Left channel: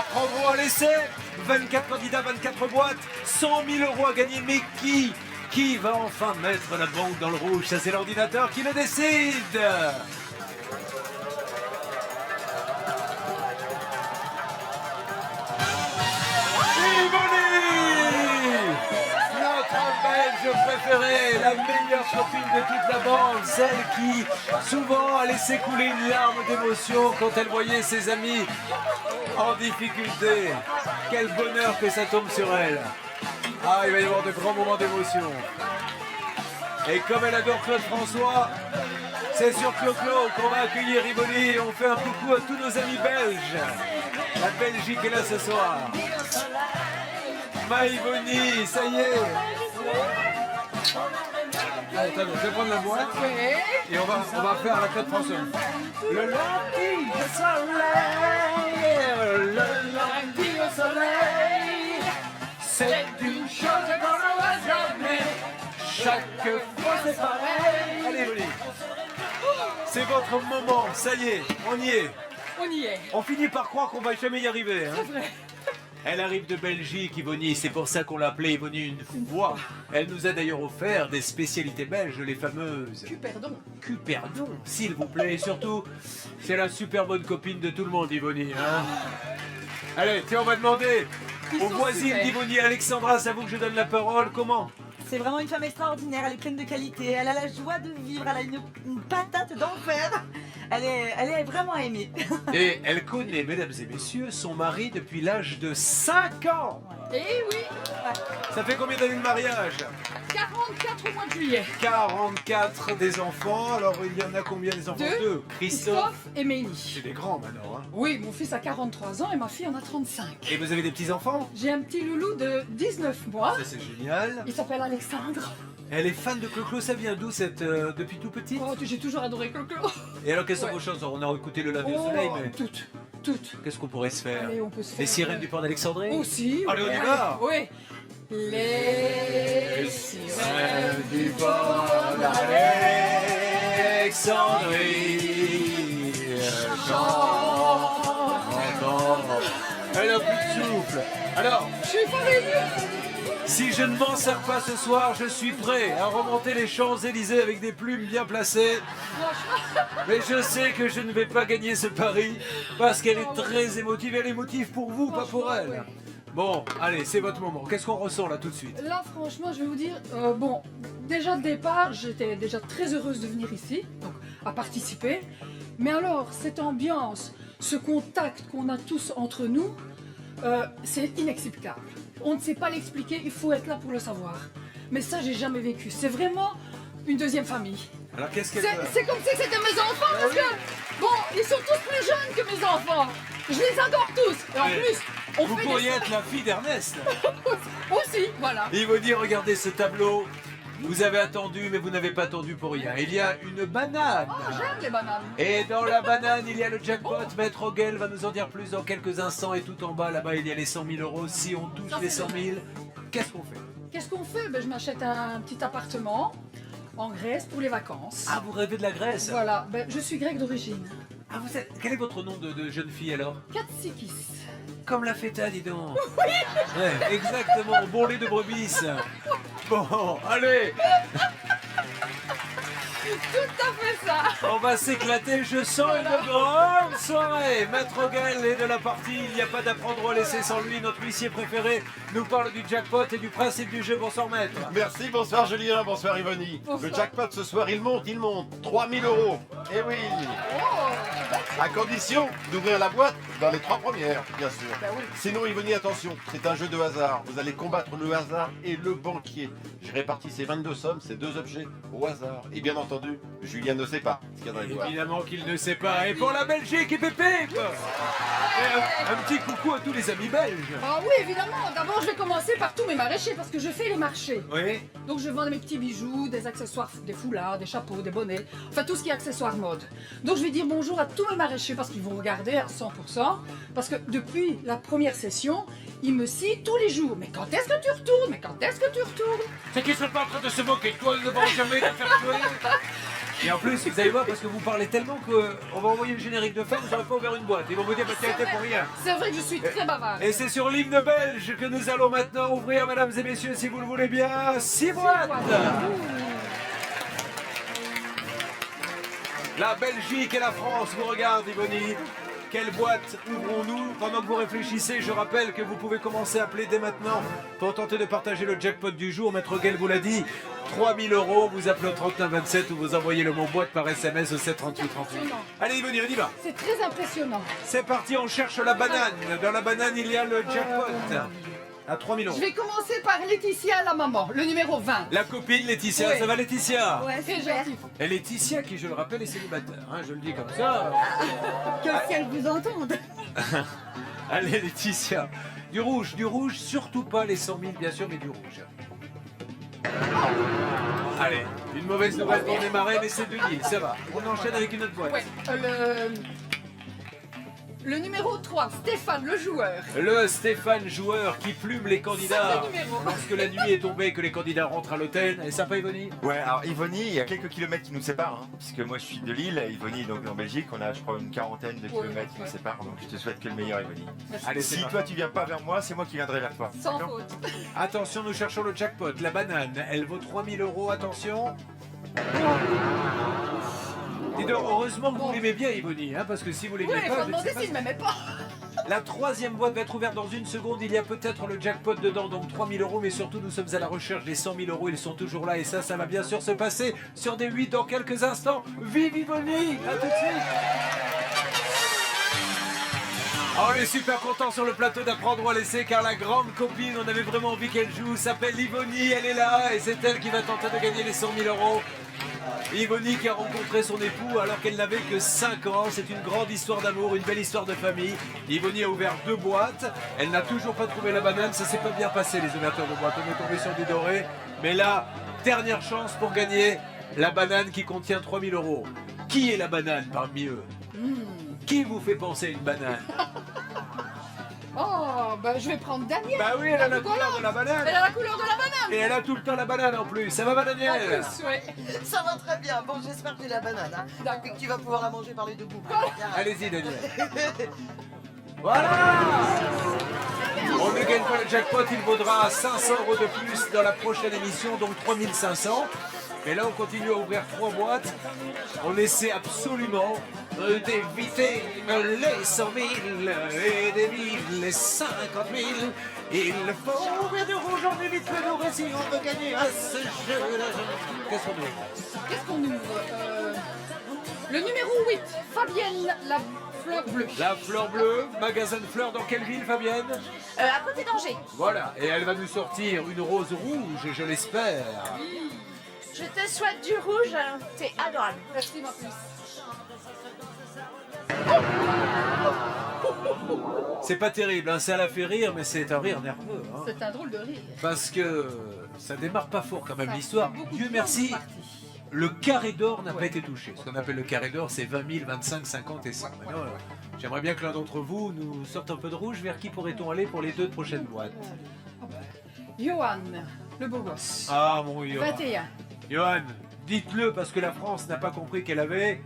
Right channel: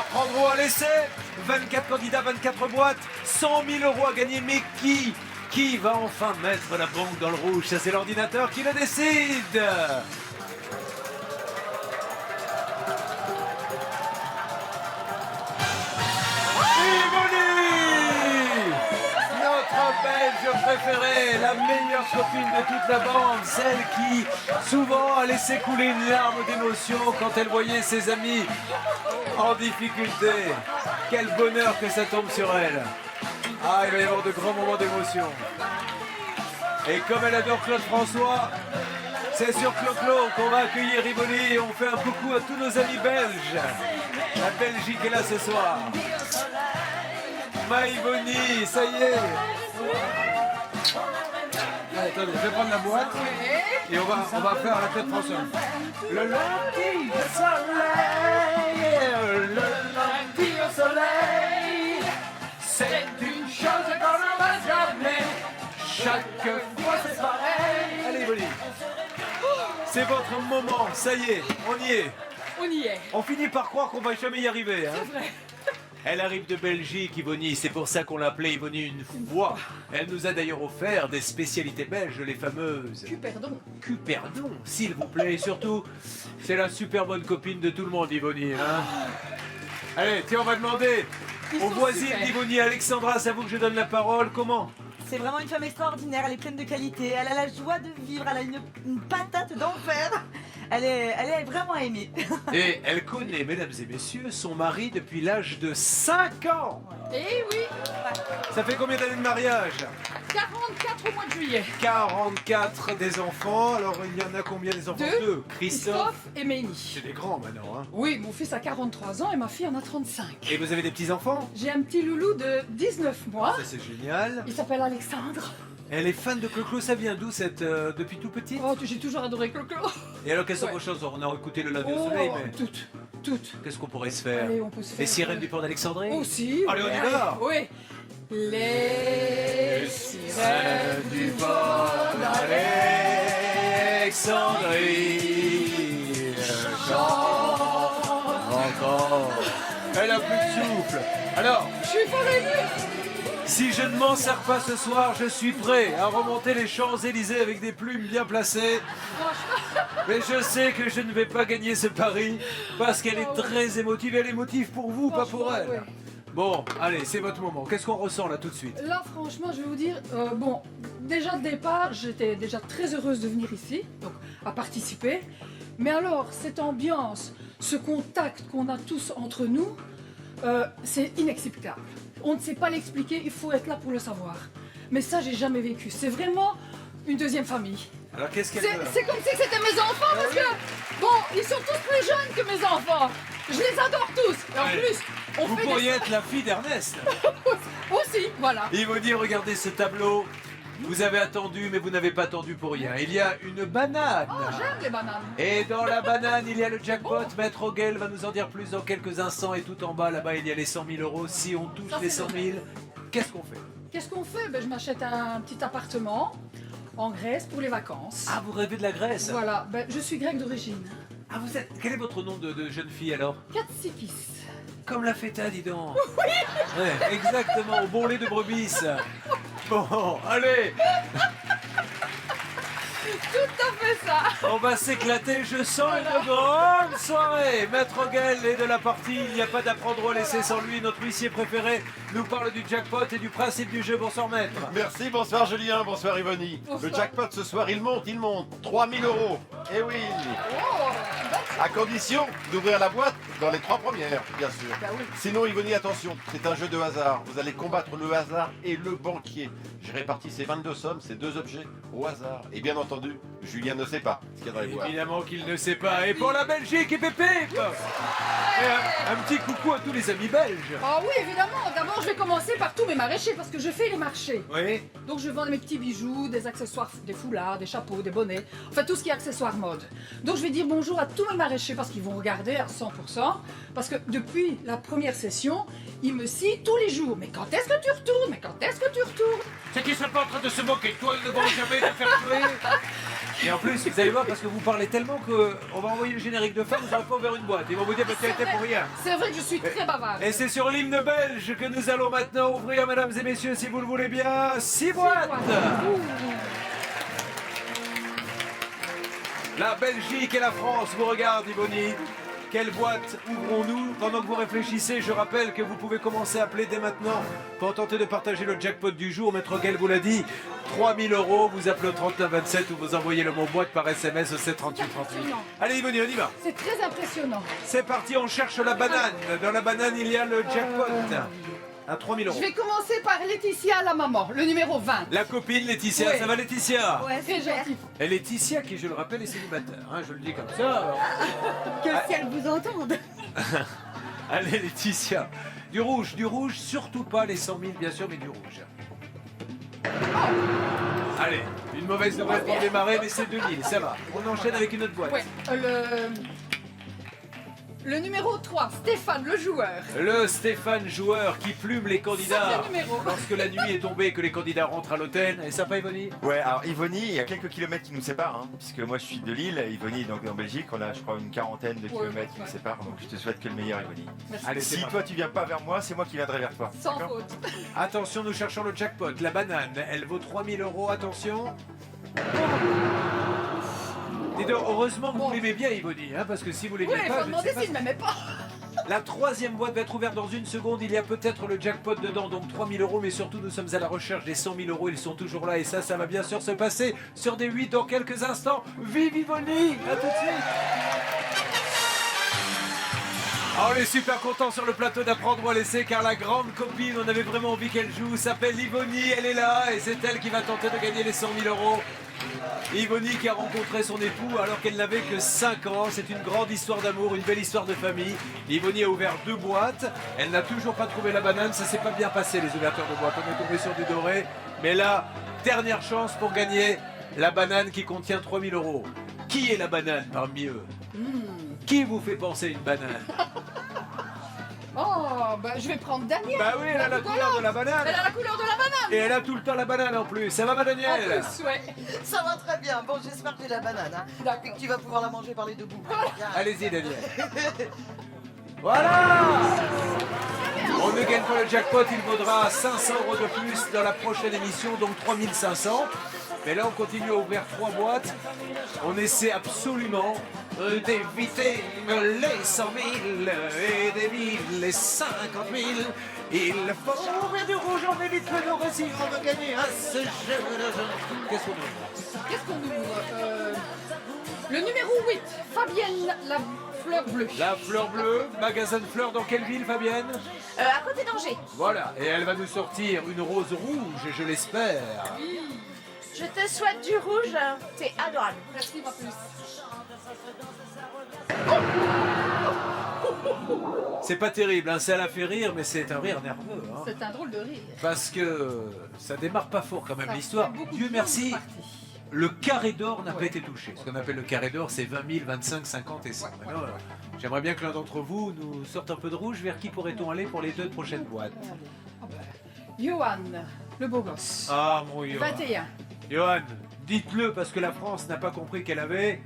Apprendre à l'essai. 24 candidats, 24 boîtes, 100 000 € à gagner. Mais qui va enfin mettre la banque dans le rouge? Ça, c'est l'ordinateur qui le décide. Belge préférée, la meilleure copine de toute la bande, celle qui souvent a laissé couler une larme d'émotion quand elle voyait ses amis en difficulté. Quel bonheur que ça tombe sur elle. Ah, il va y avoir de grands moments d'émotion. Et comme elle adore Claude François, c'est sur Clo-Clo qu'on va accueillir Rivoli. On fait un coucou à tous nos amis belges. La Belgique est là ce soir. Maïvoni, ça y est. Allez, attendez, je vais prendre la boîte et on va faire la Claude François. Le lundi au soleil, le lundi au soleil, c'est une chose qu'on n'aura jamais. Chaque fois c'est pareil. Allez, Bonnie. C'est votre moment, ça y est, on y est. On y est. On finit par croire qu'on va jamais y arriver. Hein. C'est vrai. Elle arrive de Belgique, Yvonne, c'est pour ça qu'on l'a appelée Yvonne une fois. Elle nous a d'ailleurs offert des spécialités belges, les fameuses... Cuperdon. Cuperdon, s'il vous plaît. Et surtout, c'est la super bonne copine de tout le monde, Yvonne. Hein. Allez, tiens, on va demander aux voisines d'Yvonne. Alexandra, c'est à vous que je donne la parole. Comment ? C'est vraiment une femme extraordinaire, elle est pleine de qualité, elle a la joie de vivre, elle a une patate d'enfer. Elle est vraiment aimée. Et elle connaît, mesdames et messieurs, son mari depuis l'âge de 5 ans. Eh oui. Ça fait combien d'années de mariage? 44 au mois de juillet. 44 des enfants. Alors, il y en a combien des enfants? Deux. Christophe et Ménie. C'est des grands maintenant. Hein. Oui, mon fils a 43 ans et ma fille en a 35. Et vous avez des petits-enfants? J'ai un petit loulou de 19 mois. Ça, c'est génial. Il s'appelle Alexandre. Elle est fan de Clo-Clo, ça vient d'où depuis tout petite? Oh, j'ai toujours adoré Clo-Clo. Et alors, quelles sont vos chansons? On a écouté le lundi au soleil, mais... Toutes. Qu'est-ce qu'on pourrait se faire? Allez, on peut se faire... Les sirènes du port d'Alexandrie? Aussi. Allez, on y va. Oui. Les sirènes du port d'Alexandrie chantent encore. Elle a plus de souffle. Alors, je suis fort émue. Si je ne m'en sers pas ce soir, je suis prêt à remonter les Champs-Élysées avec des plumes bien placées. Mais je sais que je ne vais pas gagner ce pari parce qu'elle est très émotive. Elle est émotive pour vous, pas pour elle. Ouais. Bon, allez, c'est votre moment. Qu'est-ce qu'on ressent là tout de suite? Là, franchement, je vais vous dire, bon, déjà de départ, j'étais déjà très heureuse de venir ici, donc à participer. Mais alors, cette ambiance, ce contact qu'on a tous entre nous, c'est inexplicable. On ne sait pas l'expliquer, il faut être là pour le savoir. Mais ça, j'ai jamais vécu. C'est vraiment une deuxième famille. Alors qu'est-ce qu'elle veut? C'est comme si c'était mes enfants, parce que, bon, ils sont tous plus jeunes que mes enfants. Je les adore tous. Et en plus, on vous fait pourriez être la fille d'Ernest. Aussi, voilà. Il vous dit, regardez ce tableau. Vous avez attendu, mais vous n'avez pas attendu pour rien. Il y a une banane. Oh, j'aime les bananes. Et dans la banane, il y a le jackpot. Maître Oguel va nous en dire plus dans quelques instants. Et tout en bas, là-bas, il y a les 100 000 €. Si on touche les 100 000, qu'est-ce qu'on fait? Qu'est-ce qu'on fait? Ben, je m'achète un petit appartement en Grèce pour les vacances. Ah, vous rêvez de la Grèce? Voilà, ben, je suis grecque d'origine. Ah, quel est votre nom de jeune fille alors? Katsikis. Comme la feta, dis donc. Oui. Ouais, exactement, au bon lait de brebis. Bon, allez. Tout à fait ça. On va s'éclater, je sens une grande soirée. Maître Oguel est de la partie, il n'y a pas d'apprendre à laisser sans lui. Notre huissier préféré nous parle du jackpot et du principe du jeu. Bonsoir maître. Merci, bonsoir Julien, bonsoir Yvonne. Le jackpot ce soir, il monte. 3 000 €. Eh oui. Oh, À condition d'ouvrir la boîte dans les 3 premières, bien sûr. bah oui. Sinon, Yvonne, attention, c'est un jeu de hasard. Vous allez combattre le hasard et le banquier. J'ai réparti ces 22 sommes, ces 2 objets, au hasard. Et bien entendu, Julien ne sait pas ce qu'il y a dans les boîtes. Évidemment qu'il ne sait pas. Et pour la Belgique, et pépé. Et un petit coucou à tous les amis belges. Oh oui, évidemment. D'abord, je vais commencer par tous mes maraîchers parce que je fais les marchés. Oui. Donc, je vends mes petits bijoux, des accessoires, des foulards, des chapeaux, des bonnets, enfin tout ce qui est accessoires mode. Donc, je vais dire bonjour à tous mes maraîchers parce qu'ils vont regarder à 100%. Parce que depuis la première session, ils me cient tous les jours. Mais quand est-ce que tu retournes? Mais quand est-ce que tu retournes? C'est qu'ils ne seraient pas en train de se moquer de toi, ils ne vont jamais te faire jouer. Et en plus, vous allez voir, parce que vous parlez tellement qu'on va envoyer le générique de fin, vous n'aurez pas ouvert une boîte. Ils vont vous dire, bah, tu as été pour rien. C'est vrai que je suis très bavarde. Et c'est sur l'hymne belge que nous allons maintenant ouvrir, mesdames et messieurs, si vous le voulez bien, 6 boîtes. La Belgique et la France vous regardent, Yvonne. Quelle boîte ouvrons-nous? Pendant que vous réfléchissez, je rappelle que vous pouvez commencer à appeler dès maintenant pour tenter de partager le jackpot du jour. Maître Guel vous l'a dit, 3 000 €. Vous appelez au 3927 ou vous envoyez le mot boîte par SMS au 73838. Impressionnant. Allez, Yvonne, on y va. C'est très impressionnant. C'est parti, on cherche la banane. Dans la banane, il y a le jackpot à 3 000 €. Je vais commencer par Laetitia, la maman, le numéro 20. La copine Laetitia, Oui. ça va Laetitia? Ouais, Très super. gentil. Et Laetitia, qui je le rappelle est célibataire, hein, je le dis comme ça. Que le ciel vous entende. Allez Laetitia, du rouge, surtout pas les 100 000 bien sûr, mais du rouge. Allez, une mauvaise nouvelle pour démarrer, mais c'est 2000, ça va. On enchaîne avec une autre boîte. Ouais, le numéro 3, Stéphane, le joueur. Le Stéphane joueur qui plume les candidats Sacré numéro. lorsque la nuit est tombée et que les candidats rentrent à l'hôtel. Et sympa Yvonne? Ouais, alors Yvonny, il y a quelques kilomètres qui nous séparent, hein, puisque moi je suis de Lille, Yvonny est donc en Belgique, on a je crois une quarantaine de kilomètres qui nous séparent, donc je te souhaite que le meilleur Yvonny. Merci. Allez, c'est Si parti. toi tu viens pas vers moi, c'est moi qui viendrai vers toi. Sans D'accord faute. Attention, nous cherchons le jackpot. La banane, elle vaut 3 000 €, attention. Dis donc, heureusement que vous l'aimez bien Yvonne, hein, parce que si vous l'aimez Oui, il pas, faut je ne demander sais pas. s'il ne m'aimait pas. La troisième boîte va être ouverte dans une seconde. Il y a peut-être le jackpot dedans, donc 3 000 €. Mais surtout, nous sommes à la recherche des 100 000 €. Ils sont toujours là et ça va bien sûr se passer sur des 8 dans quelques instants. Vive Yvonne! À tout de suite! Ah, on est super content sur le plateau d'apprendre ou à laisser car la grande copine, on avait vraiment envie qu'elle joue, s'appelle Yvonne. Elle est là et c'est elle qui va tenter de gagner les 100 000 €. Yvonne qui a rencontré son époux alors qu'elle n'avait que 5 ans. C'est une grande histoire d'amour, une belle histoire de famille. Yvonne a ouvert 2 boîtes. Elle n'a toujours pas trouvé la banane. Ça s'est pas bien passé les ouvertures de boîtes. On est tombé sur du doré. Mais là, dernière chance pour gagner la banane qui contient 3 000 €. Qui est la banane parmi eux? Qui vous fait penser à une banane? Oh, bah, je vais prendre Daniel. Bah oui, elle a la rigolante. couleur de la banane. Elle a la couleur de la banane. Et elle a tout le temps la banane en plus. Ça va, ma En Danielle? plus, ouais. Ça va très bien. Bon, j'espère que j'ai la banane. Hein, D'accord. et que tu vas pouvoir la manger par les deux bouts. Allez-y, Daniel. Voilà! On ne gagne pas le jackpot, il vaudra 500 € de plus dans la prochaine émission, donc 3 500. Mais là, on continue à ouvrir 3 boîtes. On essaie absolument d'éviter les 100 000 et d'éviter les 50 000. Il faut ouvrir du rouge, on évite le doré si on veut gagner à ce jeu de jeu. Qu'est-ce qu'on ouvre? Qu'est-ce qu'on ouvre Le numéro 8, Fabienne, la fleur bleue. La fleur bleue, magasin de fleurs dans quelle ville, Fabienne? À côté d'Angers. Voilà, et elle va nous sortir une rose rouge, je l'espère. Je te souhaite du rouge. C'est adorable. Merci, ma puce. C'est pas terrible, hein, ça la fait rire, mais c'est un rire nerveux. Hein, C'est un drôle de rire. parce que ça démarre pas fort quand même Ça l'histoire. fait beaucoup Dieu de merci, parties. le carré d'or n'a pas Ouais. été touché. Ce qu'on appelle le carré d'or, c'est 20 000, 25, 50 et 100. Ouais, Maintenant, j'aimerais bien que l'un d'entre vous nous sorte un peu de rouge. Vers qui pourrait-on aller pour les 2 prochaines boîtes? Ah bah, Johan, le beau gosse. Ah mon Johan. 21. Johan, dites-le parce que la France n'a pas compris qu'elle avait.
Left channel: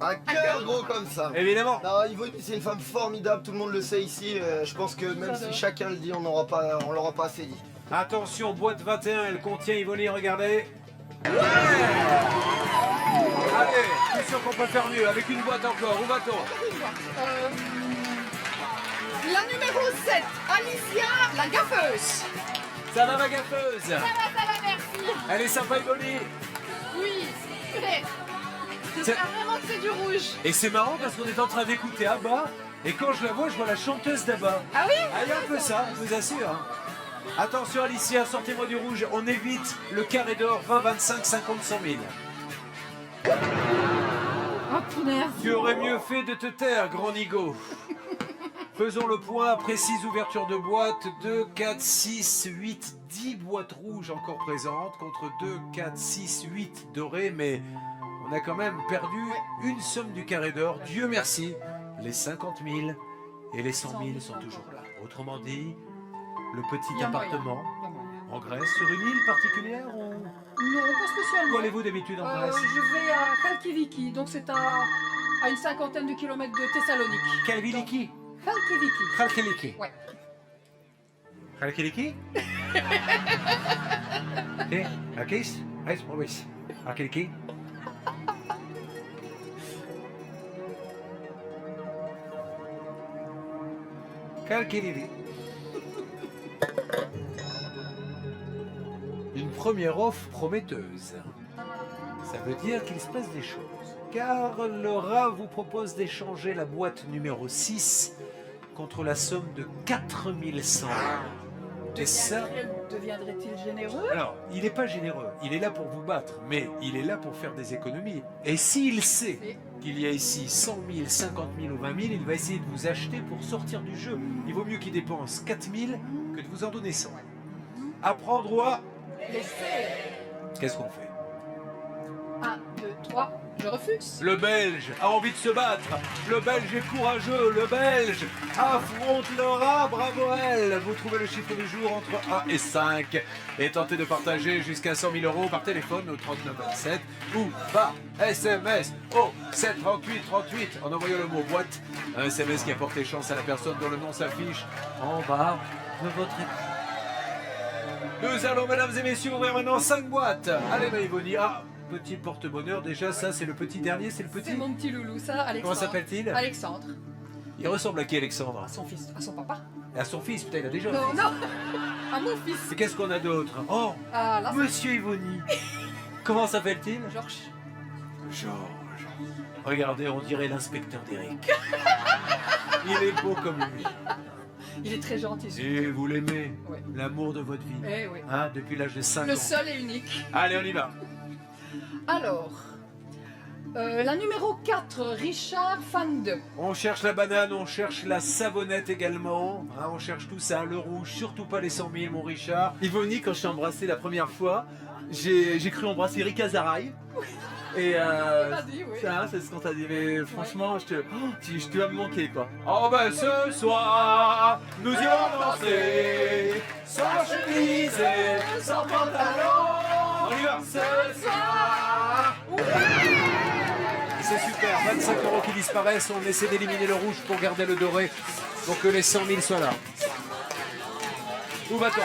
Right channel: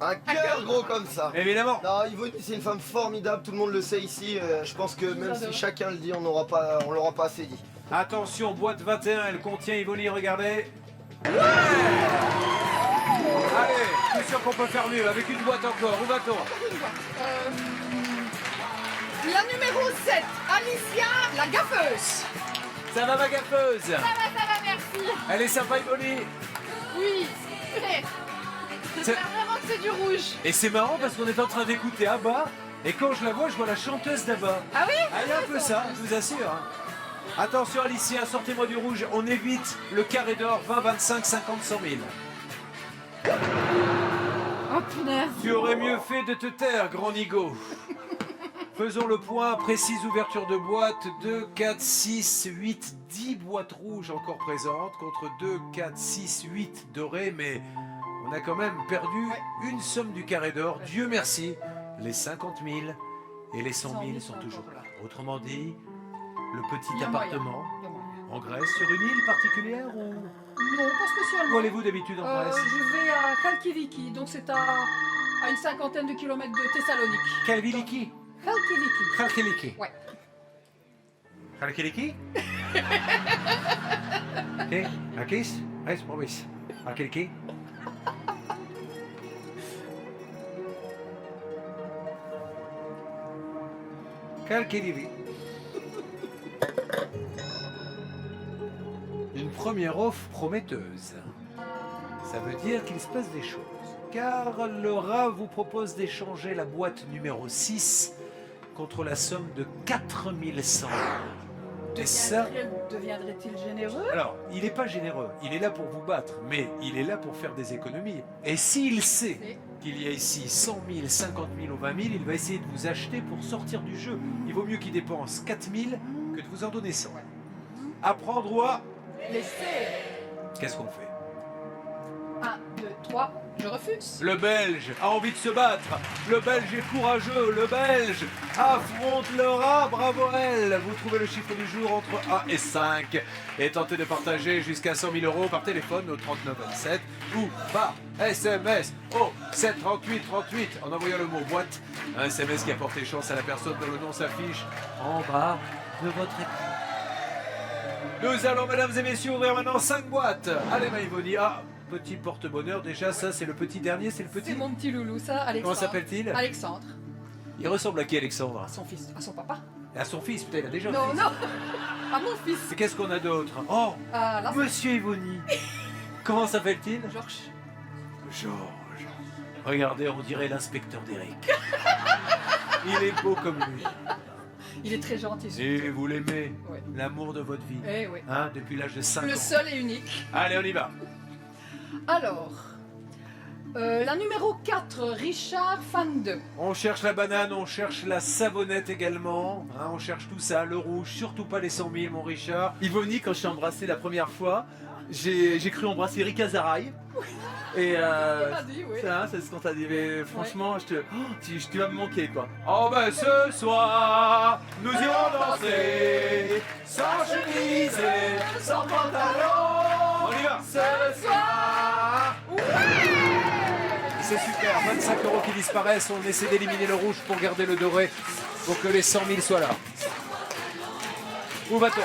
Un cœur gros comme ça. Évidemment. Non, Yvonne, c'est une femme formidable, tout le monde le sait ici. Je pense que même adore. si chacun le dit, on l'aura pas assez dit. Attention, boîte 21, elle contient Yvonne, regardez. Ouais! Allez, je suis sûr qu'on peut faire mieux. Avec une boîte encore, où va-t-on? Une boîte. La numéro 7, Alicia, la gaffeuse. Ça va ma gaffeuse? Ça va, merci. Elle est sympa Yvonne. Oui, très. C'est- J'espère vraiment que c'est du rouge. Et c'est marrant parce qu'on est en train d'écouter Abba. Et quand je la vois, je vois la chanteuse d'Abba. Ah oui? Ah, il y a un peu ça, je vous assure. Hein. Attention Alicia, sortez-moi du rouge. On évite le carré d'or, 20, 25, 50, 100 000. Oh punaise. Tu aurais mieux fait de te taire, grand nigo. Faisons le point, précise ouverture de boîte, 2, 4, 6, 8, 10 boîtes rouges encore présentes, contre 2, 4, 6, 8 dorées, mais on a quand même perdu une somme du carré d'or. Dieu merci, les 50 000 et les 100 000 sont toujours là. Autrement dit, le Il petit y a moyen. appartement Il y a moyen. En Grèce, sur une île particulière ou Non, pas spécialement. où allez-vous d'habitude en Grèce? Je vais à Khalkiviki, donc c'est à une 50aine de kilomètres de Thessalonique. Kalviliki. Khalkiviki. Khalkiliki. Ouais. Khalkiliki? Ok, Akis? Res probis. Khalkiliki? Khalkiliki. Une première offre prometteuse. Ça veut dire qu'il se passe des choses. Car le rat vous propose d'échanger la boîte numéro 6 contre la somme de 4100. Et ça, Deviendrait-il généreux? alors, il n'est pas généreux. Il est là pour vous battre, mais il est là pour faire des économies. Et s'il sait Mais- qu'il y a ici 100 000, 50 000 ou 20 000, il va essayer de vous acheter pour sortir du jeu. Il vaut mieux qu'il dépense 4 000 que de vous en donner 100. À prendre ou à... Laissez. Qu'est-ce qu'on fait? 1, 2, 3, je refuse. Le Belge a envie de se battre. Le Belge est courageux. Le Belge affronte le rat. Bravo elle. Vous trouvez le chiffre du jour entre 1 et 5 et tentez de partager jusqu'à 100 000 euros par téléphone au 3927 ou par SMS au 738 38 en envoyant le mot boîte. Un SMS qui a porté chance à la personne dont le nom s'affiche en bas de votre écran. Nous allons, mesdames et messieurs, ouvrir maintenant 5 boîtes. Allez, Maïvoni. Ah, petit porte-bonheur. Déjà, ça, c'est le petit dernier. C'est le petit. C'est mon petit loulou, ça, Alexandre. Comment s'appelle-t-il? Alexandre, Il ressemble à qui, Alexandre? à son fils, à son papa. À son fils, putain, il a déjà un Non, fils. non, à mon fils. Et qu'est-ce qu'on a d'autre? Oh, Ah, là, Monsieur Yvoni. Comment s'appelle-t-il? c'est Georges. Georges. Regardez, on dirait l'inspecteur d'Eric. Il est beau comme lui. Il est très gentil. ce- Et vous l'aimez? Ouais. L'amour de votre vie. Eh oui. Hein, depuis l'âge de 5 Le ans. seul et unique. Allez, on y va. Alors, la numéro 4, Richard Fande. On cherche la banane, on cherche la savonnette également. Hein, on cherche tout ça, le rouge, surtout pas les 100 000, mon Richard. Yvonne, quand je t'ai embrassé la première fois, j'ai cru embrasser Rika Zaraï. Et Il m'a dit, oui. ça, c'est ce qu'on t'a dit. Mais franchement, tu vas me manquer, quoi. Oh ben ce soir, nous irons danser, sans chemise et sans pantalon. On y va. Ce soir. C'est super, 25 euros qui disparaissent. On essaie d'éliminer le rouge pour garder le doré, pour que les 100 000 soient là. Où va-t-on?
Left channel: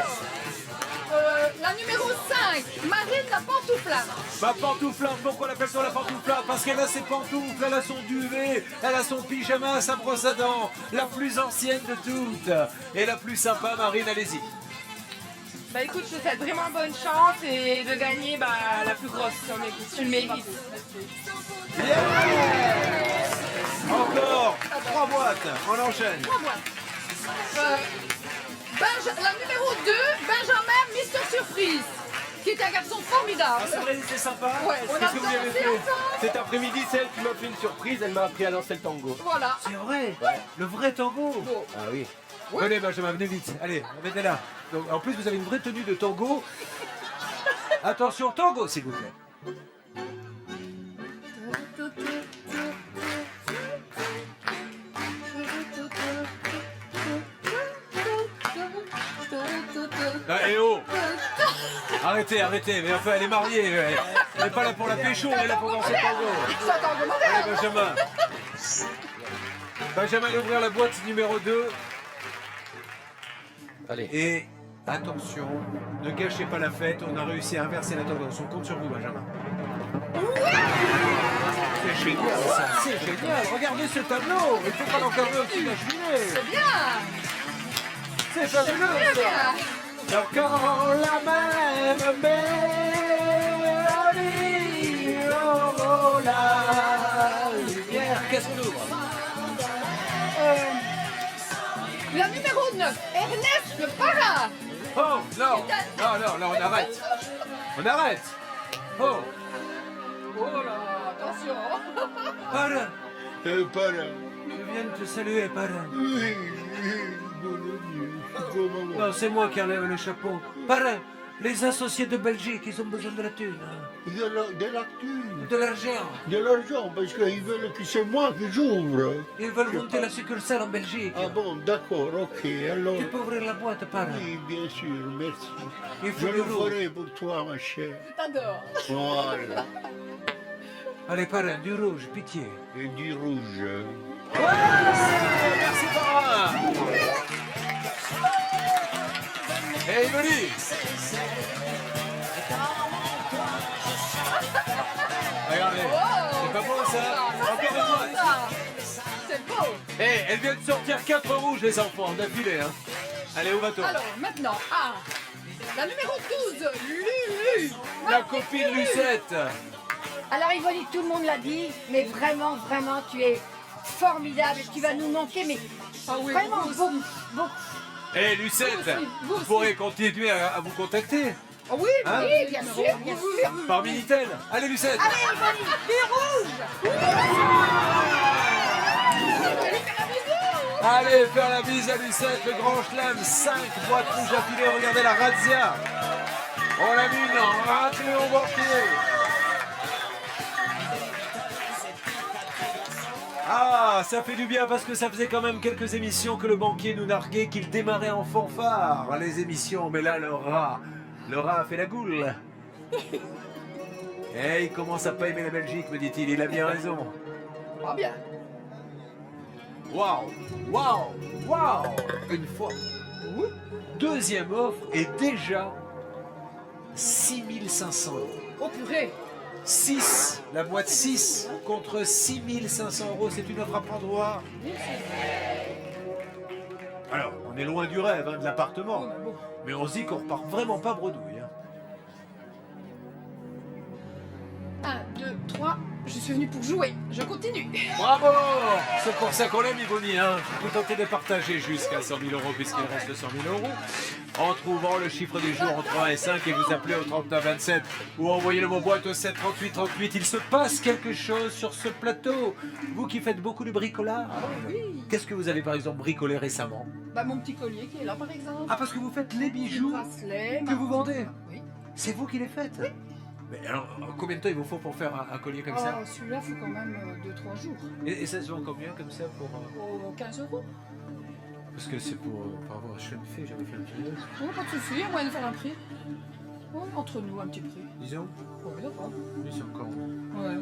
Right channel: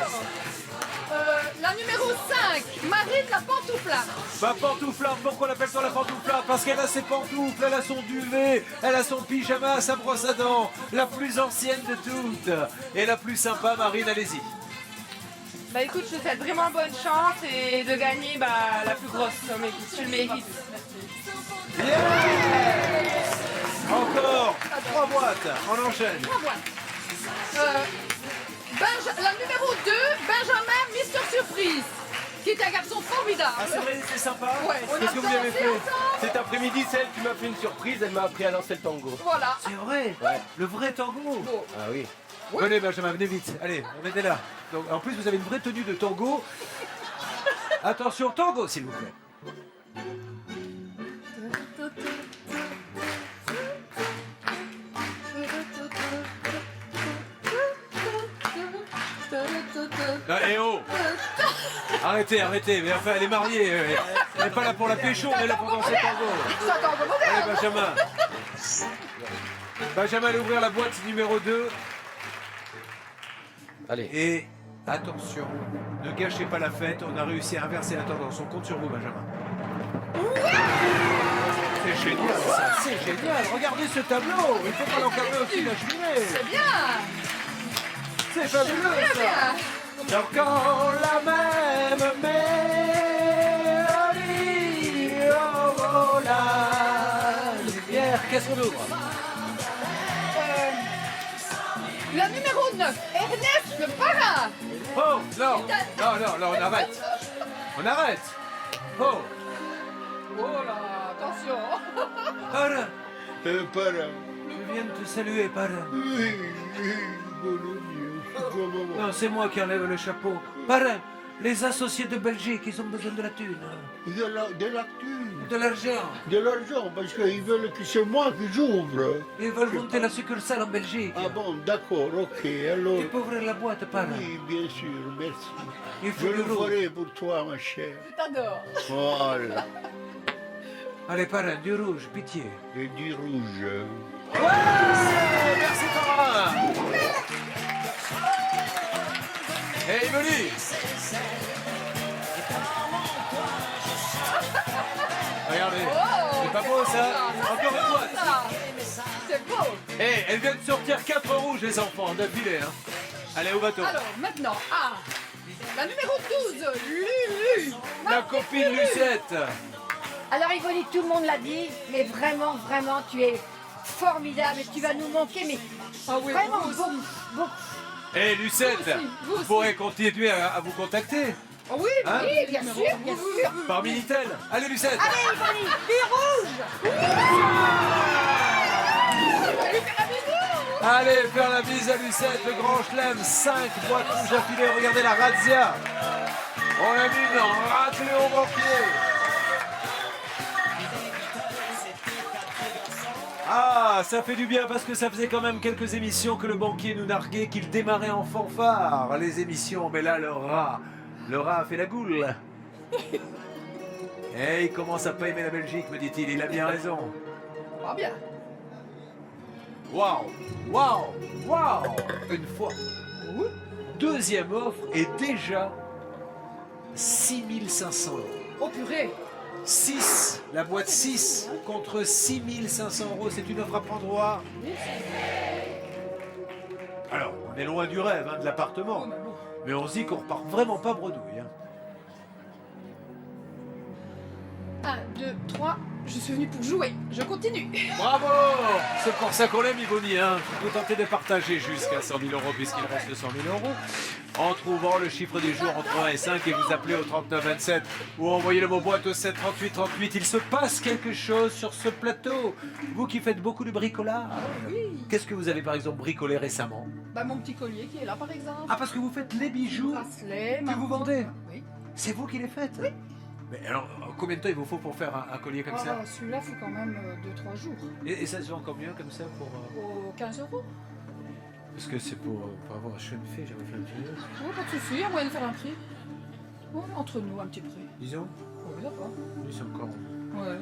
La numéro 5, Marine la pantouflarde. Ma pantouflarde, pourquoi l'appelle-t-on la pantouflarde? Parce qu'elle a ses pantoufles, elle a son duvet, elle a son pyjama, sa brosse à dents, la plus ancienne de toutes et la plus sympa. Marine, allez-y. Bah écoute, je te souhaite vraiment bonne chance et de gagner la plus grosse somme. Écoute, tu le mérites. Yes! Encore 3 boîtes, on enchaîne. 3 boîtes. La numéro 2, Benjamin Mister Surprise, qui est un garçon formidable. Ah c'est vrai, c'est sympa. Ouais, on Qu'est-ce a que vous lui avez dansé fait? ensemble. Cet après-midi, c'est elle qui m'a fait une surprise, elle m'a appris à danser le tango. Voilà. C'est vrai, le vrai tango. Bon. Ah oui. Venez Benjamin, venez vite. Allez, venez là. Donc, en plus, vous avez une vraie tenue de tango. Attention, tango, s'il vous plaît. Ah, et oh! Arrêtez, arrêtez. Mais enfin, elle est mariée. Elle n'est pas là pour la pécho, on est là pour danser le tango. C'est un tango moderne. Allez, Benjamin. Benjamin, allez ouvrir la boîte numéro 2. Allez. Et attention, ne gâchez pas la fête. On a réussi à inverser la tendance. On compte sur vous, Benjamin. C'est génial, ça. C'est génial. Regardez ce tableau. Il faut pas l'encadrer au-dessus de la cheminée. C'est bien. C'est fabuleux, Très ça. bien. Encore la même mélodie. Oh, oh, la lumière. Qu'est-ce qu'on ouvre? La numéro 9, Ernest le Parrain. Oh, non. Non, non, non, on arrête. On arrête. Oh. Oh là, attention. Parrain. Para. Je viens de te saluer, parrain. Non, c'est moi qui enlève le chapeau. Parrain, Les associés de Belgique, ils ont besoin de la thune. De la thune, De l'argent. de l'argent, parce qu'ils veulent que c'est moi qui j'ouvre. Ils veulent monter la succursale en Belgique. Ah bon, d'accord, ok. Alors, Tu peux ouvrir la boîte, parrain. oui, bien sûr, merci. Il faut Je du le rouge. ferai pour toi, ma chère. Je t'adore. Voilà. Allez, parrain, du rouge, pitié. Et du rouge. Merci, parrain. Hey, Yvonne. Regardez, c'est pas beau ça. Encore une boîte. C'est beau. Eh, elle vient de sortir 4 rouges, les enfants, d'affilée. Hein. Allez, au bateau. Alors, maintenant, la numéro 12, Lulu. La copine Lucette. Alors Yvonne, tout le monde l'a dit, mais vraiment, vraiment, tu es formidable et tu vas nous manquer, mais Ah oui, vraiment vous aussi. beaucoup, beaucoup. Eh, Lucette, Vous aussi, vous vous aussi. pourrez continuer à vous contacter Ah oui, Hein Oui, bien sûr, bien sûr. par Minitel. Allez, Lucette. Allez Yvonne, du rouge. Allez, faire la bise à Lucette, le grand chelem, 5 boîtes rouges affilées. Regardez la razzia. On a mis une raclée au banquier. Ah, ça fait du bien parce que ça faisait quand même quelques émissions que le banquier nous narguait, qu'il démarrait en fanfare, les émissions. Mais là, le rat a fait la goule. Et il commence à pas aimer la Belgique, me dit-il. Il a bien raison. Pas bien. Waouh, waouh, waouh. Une fois. Deuxième offre et déjà 6500 €. Oh purée. 6, la boîte 6 contre 6500 €. C'est une offre à prendre au A. Alors, on est loin du rêve hein, de l'appartement. Oh, mais bon. Mais on se dit qu'on repart vraiment pas bredouille. Hein. 1, 2, 3. Je suis venue pour jouer. Je continue. Bravo! C'est pour ça qu'on l'aime, Yvonne. Hein. Vous tentez de partager jusqu'à 100 000 € puisqu'il reste 100 000 € en trouvant le chiffre du jour entre 1 et 5 et vous appelez au 39 27 ou envoyez le mot boîte au 7 38 38. Il se passe quelque chose sur ce plateau. Vous qui faites beaucoup de bricolage. Qu'est-ce que vous avez par exemple bricolé récemment? Bah, mon petit collier qui est là, par exemple. Ah, parce que vous faites les bijoux Bracelet. que vous vendez. Oui. C'est vous qui les faites? Mais alors, combien de temps il vous faut pour faire un collier comme ça? Oh, celui-là, il faut quand même 2-3 jours. Et ça se vend combien comme ça pour... Au 15 €. Parce que c'est pour avoir un jeune fille, j'avais fait un petit peu. Oh, pas de souci, il y a moyen de faire un prix. Oh, entre nous, un petit prix. Disons, Oui, d'accord. lui c'est encore... Ouais.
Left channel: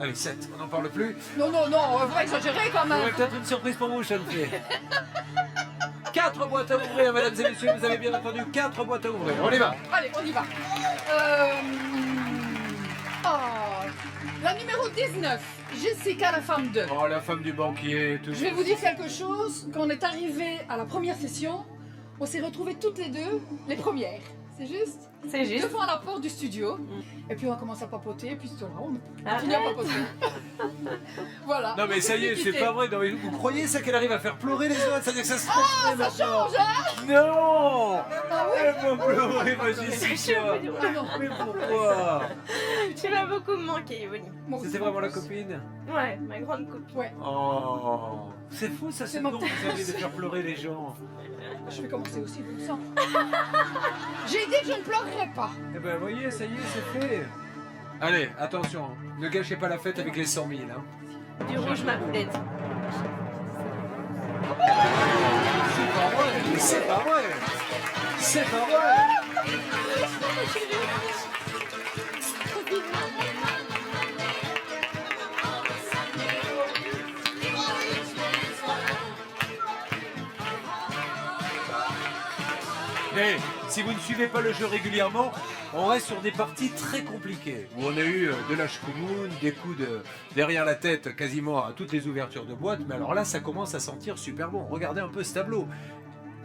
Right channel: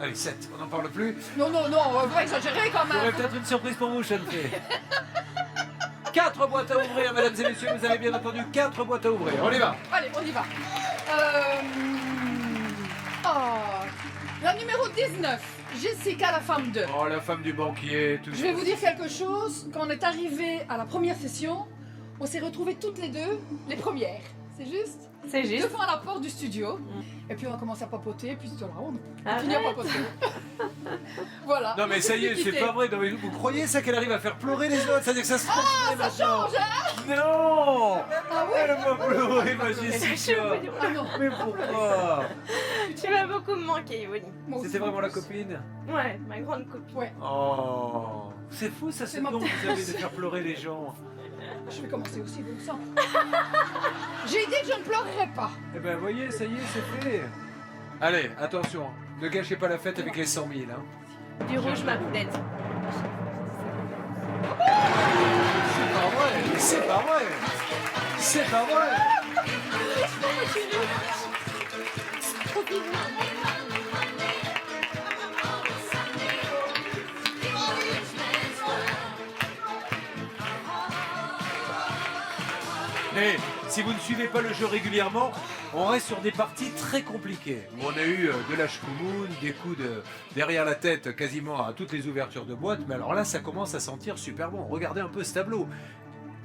Allez, 7, on n'en parle plus. Non, non, non, on va exagérer quand J'aurais même. peut-être une surprise pour vous, jeune fille. 4 boîtes à ouvrir, mesdames et messieurs, vous avez bien entendu, 4 boîtes à ouvrir. On y va. Allez, on y va. La numéro 19, Jessica, la femme 2. Oh, la femme du banquier, toujours. Je vais vous dire quelque chose. Quand on est arrivé à la première session, on s'est retrouvées toutes les deux, les premières. C'est juste C'est juste. Devant la porte du studio. Et puis on a commencé à papoter, puis voilà, on Arrête. continue à papoter. Voilà. Non mais ça y est, c'est pas vrai. Non, mais vous croyez ça qu'elle arrive à faire pleurer les autres? C'est-à-dire que ça se transmet maintenant. Change, hein? Non. Ah oui. Elle va pleurer, ma Je suis Jessica. au bout du Ah non. Mais pourquoi? Tu vas beaucoup me manquer, Yvonne. Moi aussi. C'était vraiment la copine? Ouais, ma grande copine. Ouais. Oh, c'est fou ça, ce C'est ma don que petite- vous avez de faire pleurer les gens. Je vais commencer aussi, bon sang. J'ai dit que je ne pleurerais pas. Eh ben voyez, ça y est, c'est fait. Allez, attention, ne gâchez pas la fête avec les 100 000. Hein. Du rouge, ma poulette. C'est pas vrai, mais c'est pas vrai. C'est pas vrai. Et si vous ne suivez pas le jeu régulièrement, on reste sur des parties très compliquées, où on a eu de la shkoumoun, des coups derrière la tête quasiment à toutes les ouvertures de boîte, mais alors là, ça commence à sentir super bon. Regardez un peu ce tableau.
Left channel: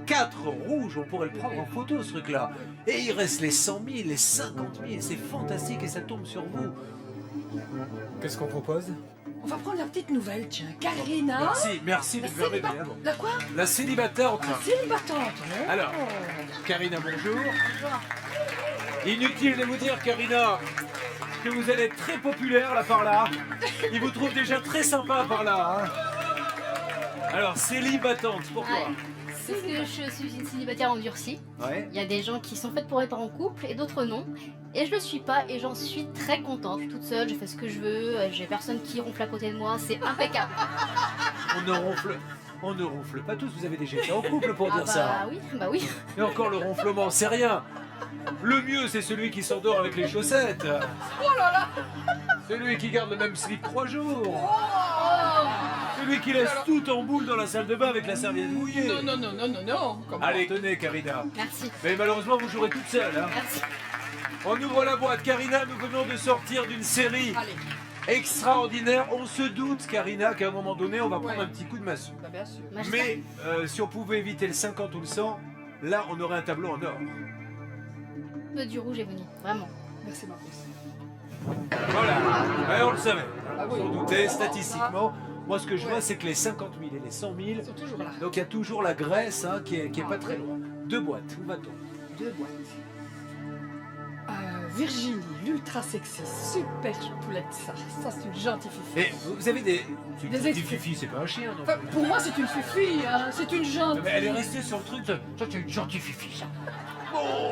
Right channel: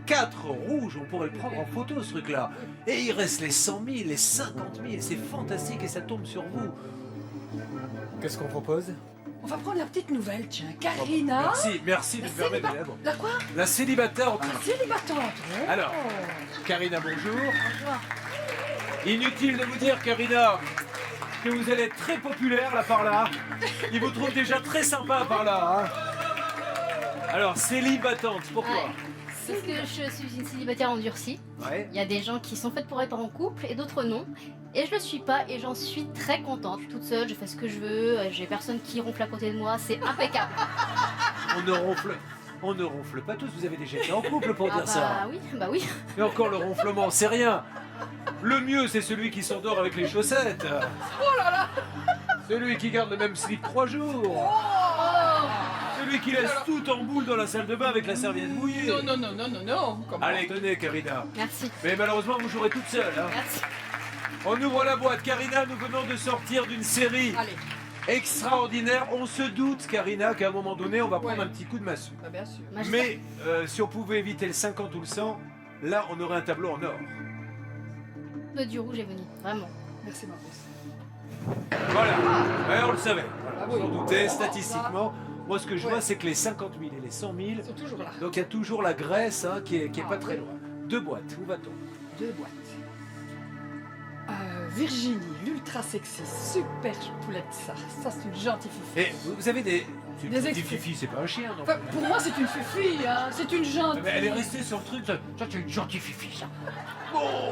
4 rouges, on pourrait le prendre en photo ce truc-là. Et il reste les 100 000, les 50 000, c'est fantastique et ça tombe sur vous. Qu'est-ce qu'on propose? On va prendre la petite nouvelle, tiens. Karina. Merci de La me permettre d'aller célibat- là-bas. La quoi? La célibatante. Célibatante. Oh. Alors, Karina, bonjour. Inutile de vous dire, Karina, que vous allez être très populaire là par là. Il vous trouve déjà très sympa par là. Hein. Alors, célibatante, pourquoi? Ouais. Parce que je suis une célibataire endurcie. Ouais. Il y a des gens qui sont faites pour être en couple et d'autres non. Et je le suis pas et j'en suis très contente. Je suis toute seule, je fais ce que je veux, j'ai personne qui ronfle à côté de moi, c'est impeccable. On ne ronfle pas tous, vous avez déjà été en couple pour dire ça. Bah oui. Et encore le ronflement, c'est rien. Le mieux, c'est celui qui s'endort avec les chaussettes. Oh là là. Celui qui garde le même slip 3 jours. Celui qui laisse tout en boule dans la salle de bain avec la serviette mouillée. Non. Comment? Allez, tenez, Karina. Merci. Mais malheureusement, vous jouerez toute seule. Hein. Merci. On ouvre la boîte. Karina, nous venons de sortir d'une série Allez. extraordinaire. On se doute, Karina, qu'à un moment donné, on va prendre un petit coup de massue. Bah, bien sûr. Mais si on pouvait éviter le 50 ou le 100, là, on aurait un tableau en or. Du rouge est venu, vraiment. Merci, ma puce. Voilà. Ouais, on le savait. Voilà. Ah On oui. s'en doutait Oh, statistiquement. Moi, ce que je Ouais. vois, c'est que les 50 000 et les 100 000, Ils sont toujours là. donc il y a toujours la Grèce hein, qui est pas très oui. loin. 2 boîtes. Où va-t-on? 2 boîtes. Virginie, l'ultra sexy, super poulette, ça. Ça, c'est une gentille fifi. Et vous avez des Des petits extraits. fifi, c'est pas un chien, non Enfin, pour moi, c'est une fifi, hein. C'est une gentille. mais elle est restée sur le truc. Ça, c'est une gentille fifi, ça. Oh.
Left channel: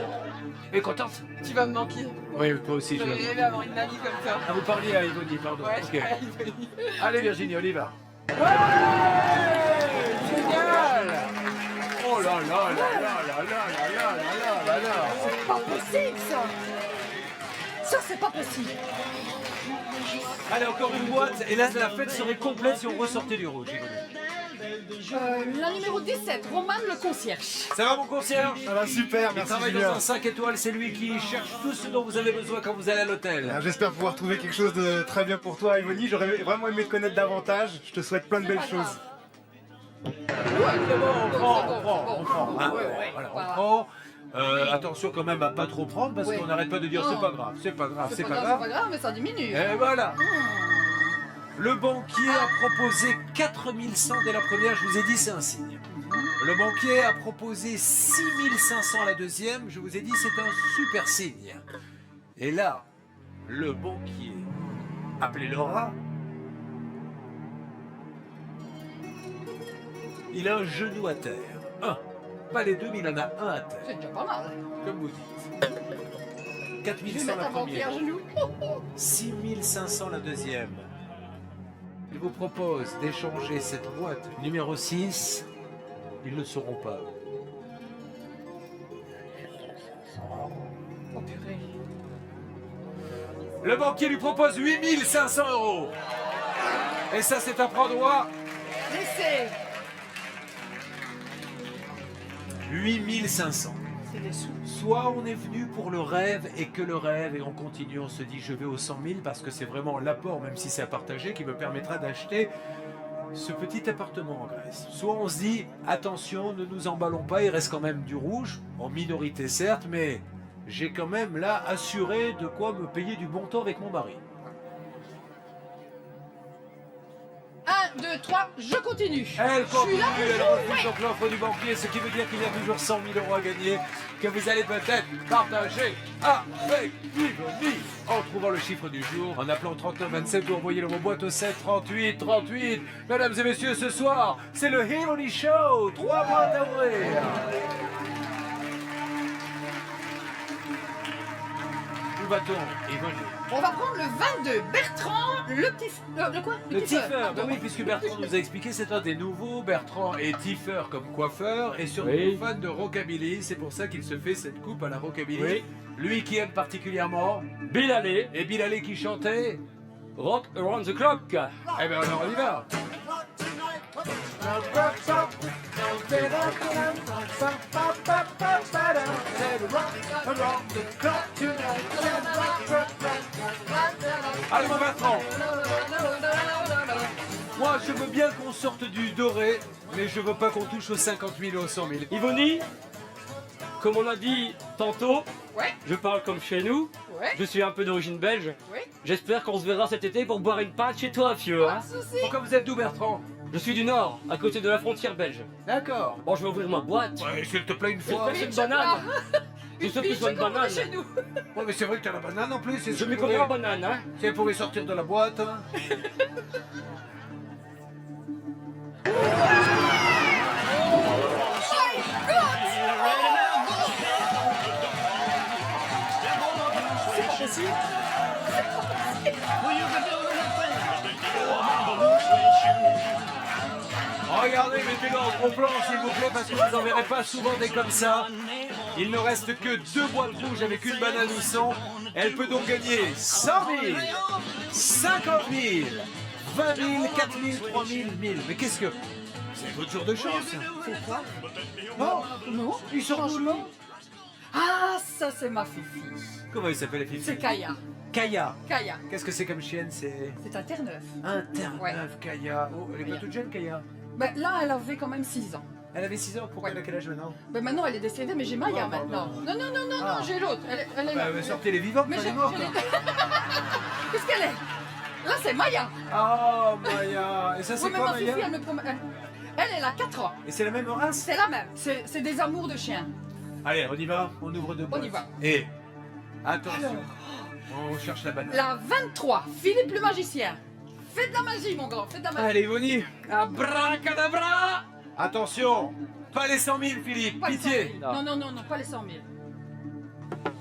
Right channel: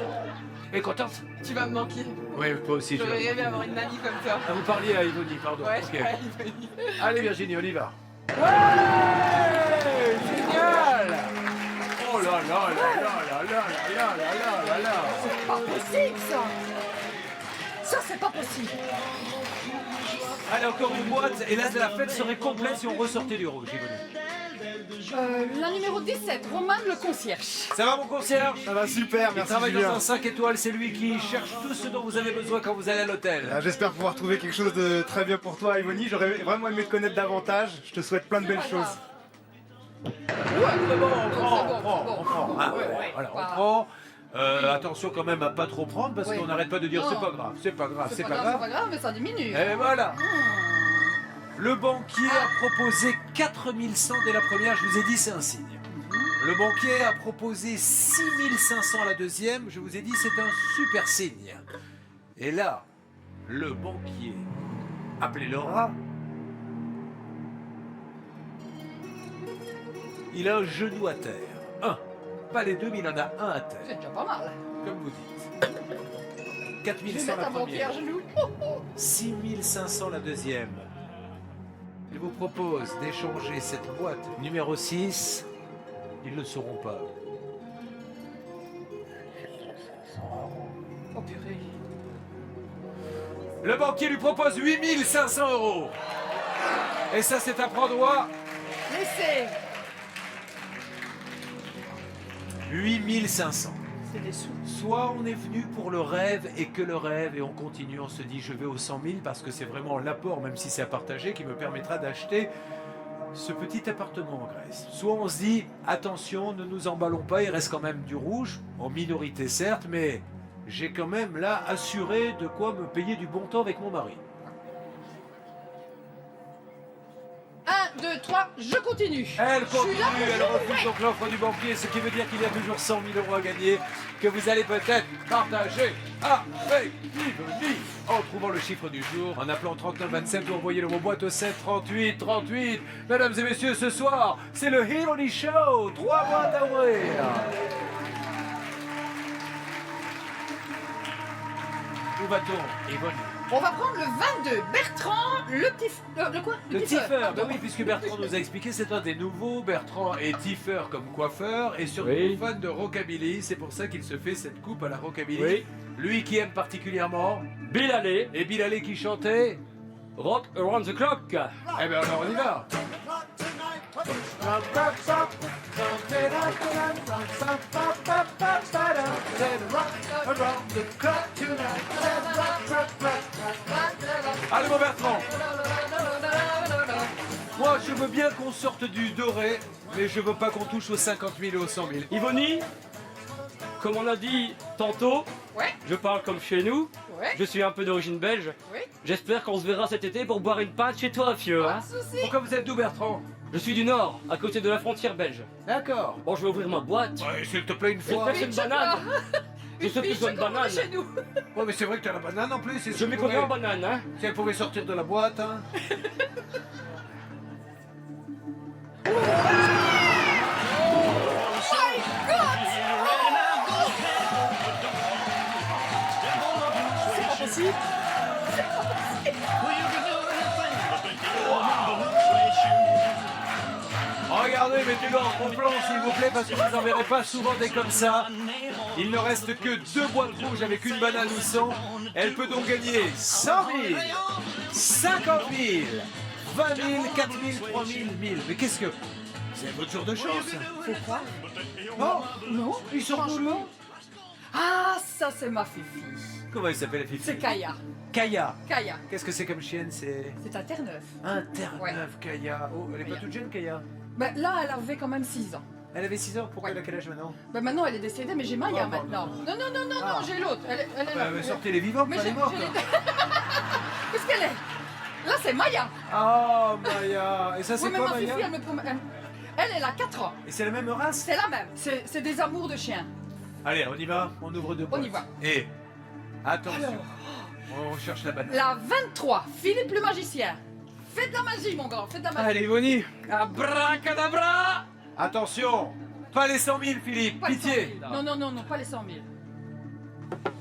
Et contente? Tu vas me manquer. Oui, toi aussi. tu J'aurais vas- rêvé d'avoir une mamie comme toi. Ah, vous parliez à Yvonne, pardon. Ouais, Ok. je parle à Yvonne. Allez, Virginie, on y va. Ouais, génial. Oh là là là là là là là là là là. C'est pas possible, ça. Ça, c'est pas possible. Allez, encore une boîte. Et là, la fête serait complète si on ressortait du rouge, Yvonne. La numéro 17, Roman le concierge. Ça va, mon concierge? Ça va super, Il merci travaille Julien. dans un 5 étoiles. C'est lui qui cherche tout ce dont vous avez besoin quand vous allez à l'hôtel. J'espère pouvoir trouver quelque chose de très bien pour toi, Yvonne. J'aurais vraiment aimé te connaître davantage. Je te souhaite plein de belles pas choses. grave. C'est bon, on prend, c'est bon, on prend, c'est bon. on prend. Ah, Ouais. voilà, on Voilà. prend. Attention quand même à pas trop prendre parce Oui. qu'on n'arrête pas de dire Non. c'est pas grave, c'est pas grave, C'est pas grave, mais ça diminue. Et voilà. Le banquier a proposé 4100 dès la première, je vous ai dit c'est un signe. Le banquier a proposé 6500 à la deuxième, je vous ai dit c'est un super signe. Et là, le banquier, appelé le rat, il a un genou à terre. Un. Pas les deux, mais il en a un à terre, C'est déjà pas mal. comme vous dites. Je vais 4100 mettre la un banquier à première. genoux. 6500 la deuxième. Je vous propose d'échanger cette boîte numéro 6. Ils ne le sauront pas. Oh purée. Le banquier lui propose 8500 €. Et ça, c'est à prendre droit. Laissez. 8500. C'est des sous. Soit on est venu pour le rêve et que le rêve et on continue, on se dit je vais aux 100 000 parce que c'est vraiment l'apport, même si c'est à partager, qui me permettra d'acheter ce petit appartement en Grèce. Soit on se dit attention, ne nous emballons pas, il reste quand même du rouge, en minorité certes, mais j'ai quand même là assuré de quoi me payer du bon temps avec mon mari. 1, 2, 3, je continue. Elle Je suis continue, là pour elle jouer. refuse donc l'offre du banquier, ce qui veut dire qu'il y a toujours 100 000 € à gagner, que vous allez peut-être partager avec Yvonne en trouvant le chiffre du jour, en appelant 3927 ou envoyez le mot boîte au 7 38 38. Mesdames et messieurs, ce soir, c'est le Yvonne Show, 3 boîtes à ouvrir. Où va-t-on, Yvonne? On va prendre le 22, Bertrand, le quoi? Le tiffer, ben pardon. oui, puisque Bertrand nous a expliqué, c'est un des nouveaux. Bertrand est tiffer comme coiffeur et surtout fan de rockabilly. C'est pour ça qu'il se fait cette coupe à la rockabilly. Oui. Lui qui aime particulièrement. Bill Haley, Et Bill Haley qui chantait. Rock Around the Clock. Eh bien alors on y va. Allez mon Bertrand. Moi je veux bien qu'on sorte du doré, mais je veux pas qu'on touche aux 50 000 et aux 100 000. Yvonne, comme on a dit tantôt, Ouais. je parle comme chez nous. Ouais. Je suis un peu d'origine belge. Oui. J'espère qu'on se verra cet été pour boire une pinte chez toi, fieu. Pas Hein. de soucis. Pourquoi vous êtes d'où Bertrand? Je suis du Nord, à côté de la frontière belge. D'accord. Bon, je vais ouvrir ma boîte. Ouais, s'il te plaît une fois. J'espère que c'est une banane. Je sais que c'est une comme on dit banane. chez nous. Ouais, mais c'est vrai que t'as la banane en plus. Je m'y connais en banane, hein. Si elle pouvait sortir de la boîte, hein. regardez, mettez-le en gros plan s'il vous plaît, parce que vous n'en verrez pas souvent des comme ça. Il ne reste que 2 boîtes rouges avec une banane ou 100. Elle peut donc gagner 100 000, 50 000, 20 000, 4 000, 3 000, 1000. Mais qu'est-ce que... C'est votre jour de chance. Pourquoi? Oh, Non, ils sont franchement. Ah, ça c'est ma fifi. comment elle s'appelle la fille? C'est Kaya. Kaya. Kaya. Qu'est-ce que c'est comme chienne? C'est C'est un Terre-Neuve. un Terre-Neuve, Ouais. Kaya. Oh, elle est pas Kaya. toute jeune, Kaya. Ben, là, elle avait quand même 6 ans. Elle avait 6 ans, pourquoi Ouais. elle a quel âge maintenant? Ben, maintenant, elle est décédée, mais j'ai Maya Oh, maintenant. Non, non, non, non, Ah. non, j'ai l'autre. Elle est là. Sortez les vivants, Mais pas les morts. Qu'est-ce qu'elle est? Là, c'est Maya. Oh, Maya. Et ça, c'est Oui, mais quoi, ma Maya? fifi, elle me promet. Elle a 4 ans. Et c'est la même race? C'est la même. C'est des amours de chiens. Allez, on y va, on ouvre 2 boîtes. On y va. Et attention, Alors. on cherche la banane. La 23, Philippe le magicien. Fais de la magie, mon grand, fais de la magie. Allez, Yvonne, abracadabra. Attention, pas les 100 000, Philippe, Pas les pitié. 100 000. Non, non, non, non, pas les 100 000.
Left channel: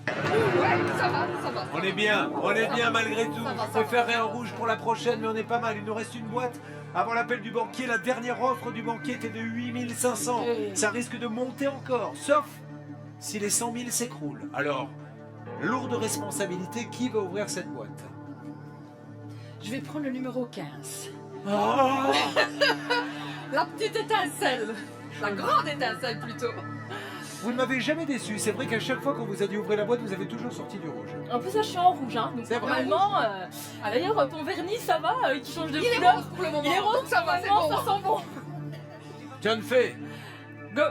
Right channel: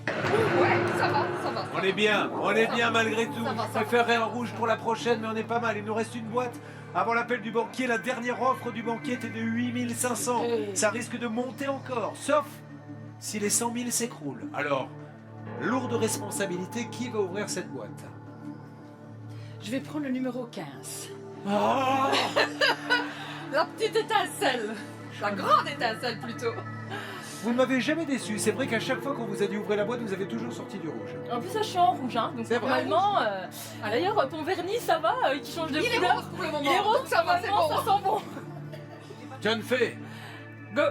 Ouh, ouais, ça va, ça va. On est bien, malgré tout. Ça va, Je ça va. préférerais un rouge pour la prochaine, mais on est pas mal. Il nous reste une boîte. Avant l'appel du banquier, la dernière offre du banquier était de 8 500. Ça risque de monter encore, sauf si les 100 000 s'écroulent. Alors, lourde responsabilité, qui va ouvrir cette boîte? Je vais prendre le numéro 15. Oh La petite étincelle. La grande étincelle, plutôt. Vous ne m'avez jamais déçu. C'est vrai qu'à chaque fois qu'on vous a dit ouvrez la boîte, vous avez toujours sorti du rouge. En plus, là, je suis en rouge, hein, donc C'est vrai. normalement. D'ailleurs, ton vernis, ça va, qui change de Il est couleur. rose pour le moment. Il est rose, donc ça va, c'est normalement, bon. ça sent bon. John Fay. Go.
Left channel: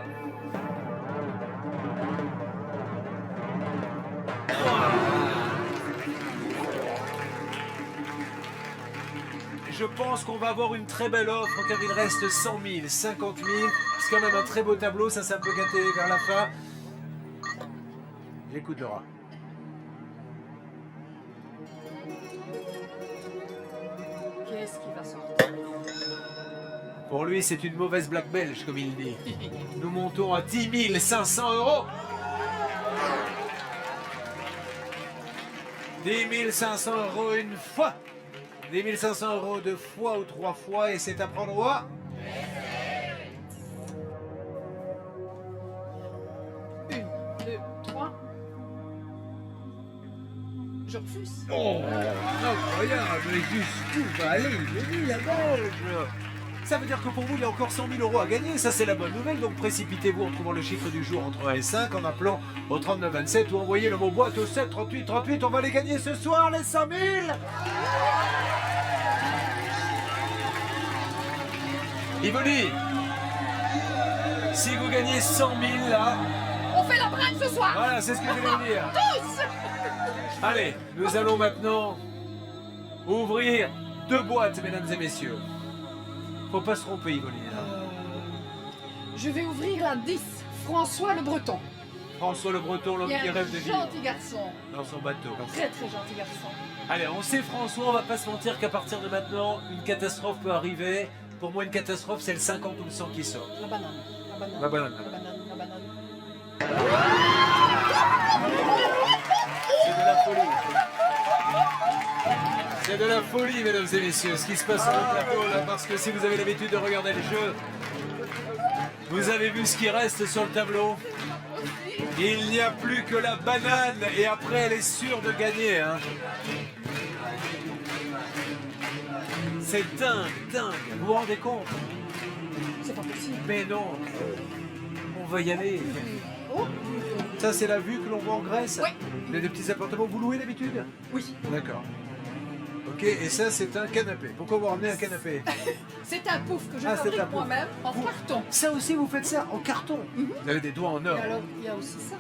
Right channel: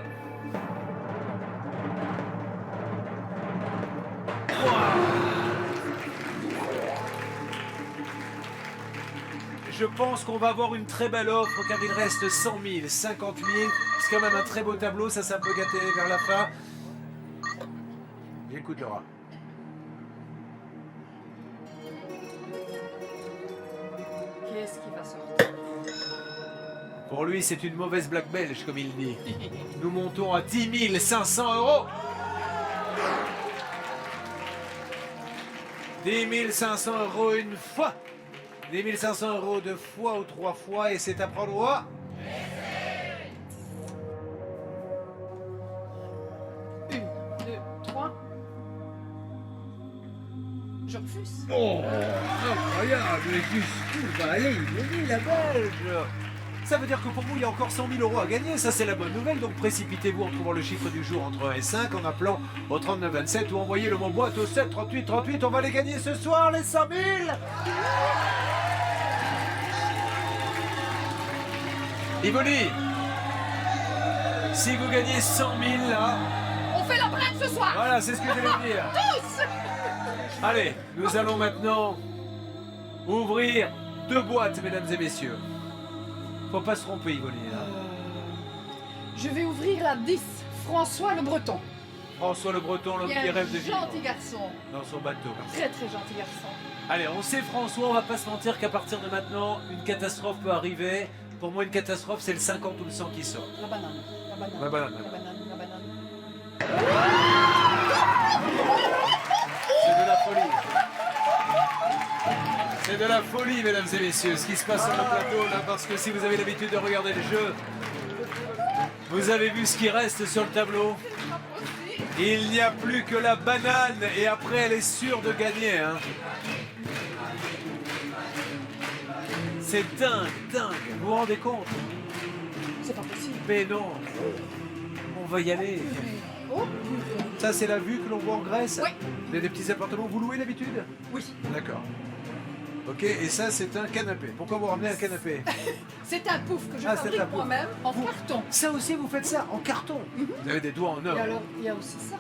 Je pense qu'on va avoir une très belle offre car il reste 100 000, 50 000. C'est quand même un très beau tableau, ça s'est un peu gâté vers la fin. J'écoute Laura. Qu'est-ce qui va sortir? Pour lui, c'est une mauvaise blague belge, comme il dit. Nous montons à 10 500 euros. 10 500 euros une fois. 10 500 euros 2 fois ou 3 fois et c'est à prendre au... 1, 2, 3. Je refuse. Oh, incroyable. Jusqu'où va aller Yvonne, la Belge? Ça veut dire que pour vous, il y a encore 100 000 euros à gagner. Ça, c'est la bonne nouvelle. Donc précipitez-vous en trouvant le chiffre du jour entre 1 et 5, en appelant au 39 27 ou envoyez le mot boîte au 7 38 38. On va les gagner ce soir, les 100 000. Yvonne, si vous gagnez 100 000 là, On fait la blague ce soir. voilà, c'est ce que j'allais vous dire. Tous. Allez, nous allons maintenant ouvrir 2 boîtes, mesdames et messieurs. Faut pas se tromper, Yvonne. Là. Je vais ouvrir la 10. François le Breton. François le Breton, l'homme Il y a qui un rêve de vivre gentil garçon. dans son bateau. Très très gentil garçon. Allez, on sait François, on va pas se mentir qu'à partir de maintenant, une catastrophe peut arriver. Pour moi, une catastrophe, c'est le 50 ou le 100 qui sort. La banane. La banane. La banane, la La banane. La banane. C'est de la folie. C'est de la folie, mesdames et messieurs, ce qui se passe sur le plateau, là, parce que si vous avez l'habitude de regarder le jeu, vous avez vu ce qui reste sur le tableau. Il n'y a plus que la banane, et après, elle est sûre de gagner. Hein. C'est dingue, dingue. Vous vous rendez compte? C'est pas possible. Mais non. On va y aller. Oh, purée. Ça, c'est la vue que l'on voit en Grèce? Oui. Vous avez des petits appartements, vous louez d'habitude? Oui. D'accord. Ok, et ça, c'est un canapé. Pourquoi vous ramenez un canapé? C'est un pouf que je Ah, c'est un fabrique pouf. moi-même en carton. Ça aussi, vous faites ça en carton? Vous avez des doigts en or. Et alors, il y a aussi ça.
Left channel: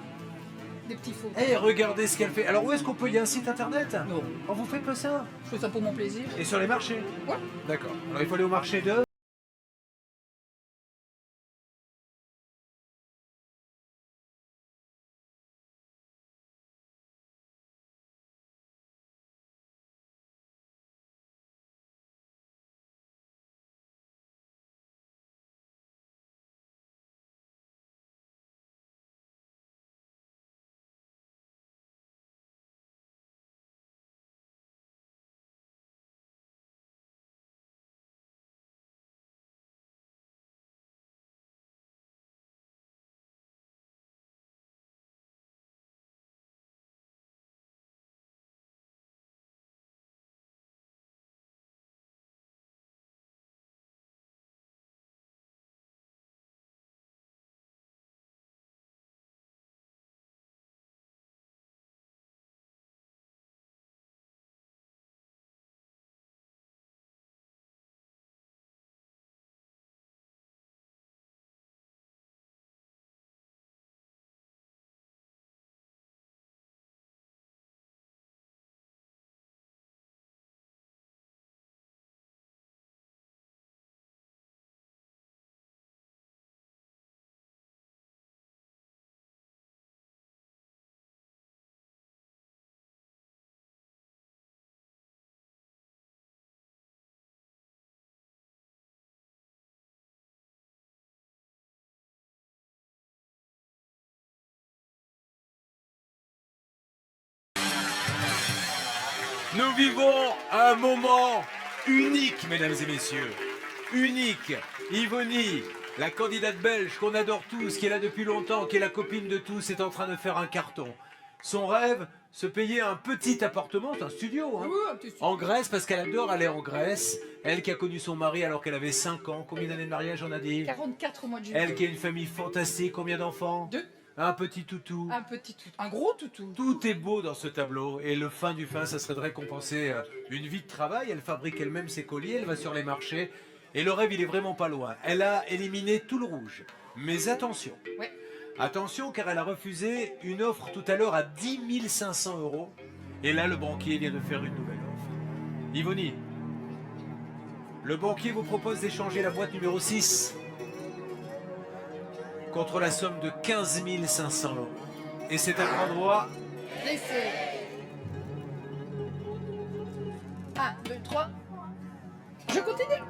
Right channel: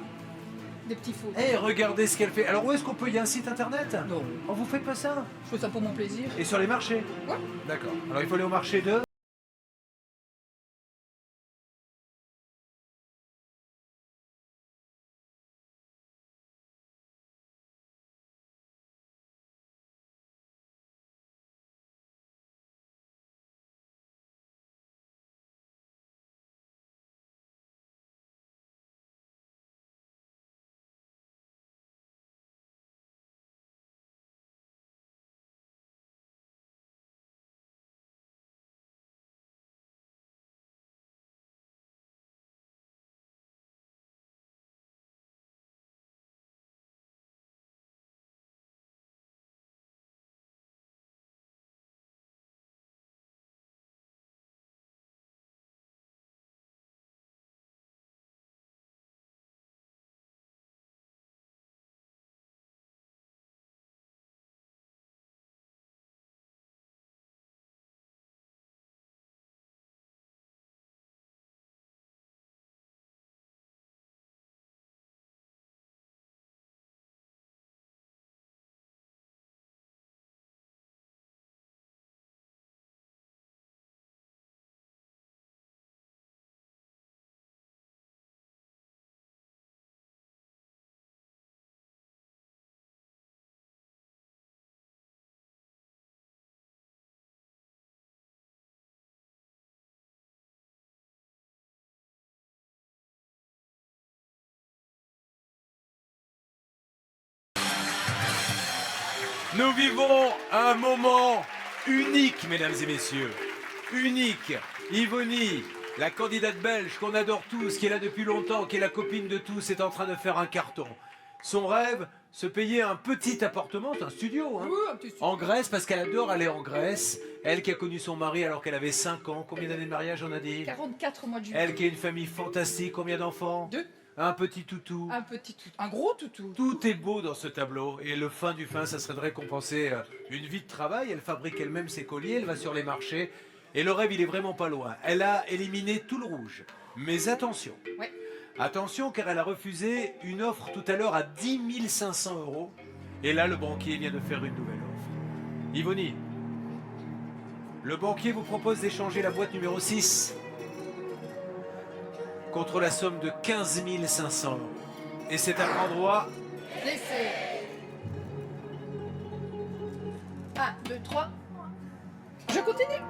Des petits faux. Eh, regardez ce qu'elle fait. Alors, où est-ce qu'on peut? Il y a un site internet? Non. Oh, vous faites pas ça? Je fais ça pour mon plaisir. Et sur les marchés? Ouais. D'accord. Alors, il faut aller au marché de... Nous vivons un moment unique, mesdames et messieurs. Unique. Yvonnie, la candidate belge qu'on adore tous, qui est là depuis longtemps, qui est la copine de tous, est en train de faire un carton. Son rêve, se payer un petit appartement, c'est un studio, hein, Oui, un petit studio. en Grèce, parce qu'elle adore aller en Grèce. Elle qui a connu son mari alors qu'elle avait 5 ans. Combien d'années de mariage on a dit? 44 au mois de juillet. Elle qui a une famille fantastique. Combien d'enfants? 2. Un petit toutou. Un petit toutou. Un gros toutou. Tout est beau dans ce tableau. Et le fin du fin, ça serait de récompenser une vie de travail. Elle fabrique elle-même ses colliers, elle va sur les marchés. Et le rêve, il est vraiment pas loin. Elle a éliminé tout le rouge. Mais attention. Ouais. Attention, car elle a refusé une offre tout à l'heure à 10 500 €. Et là, le banquier vient de faire une nouvelle offre. Yvonnie, le banquier vous propose d'échanger la boîte numéro 6 contre la somme de 15 500 €. Et c'est un endroit. Laissez. 1, 2, 3. Je continue.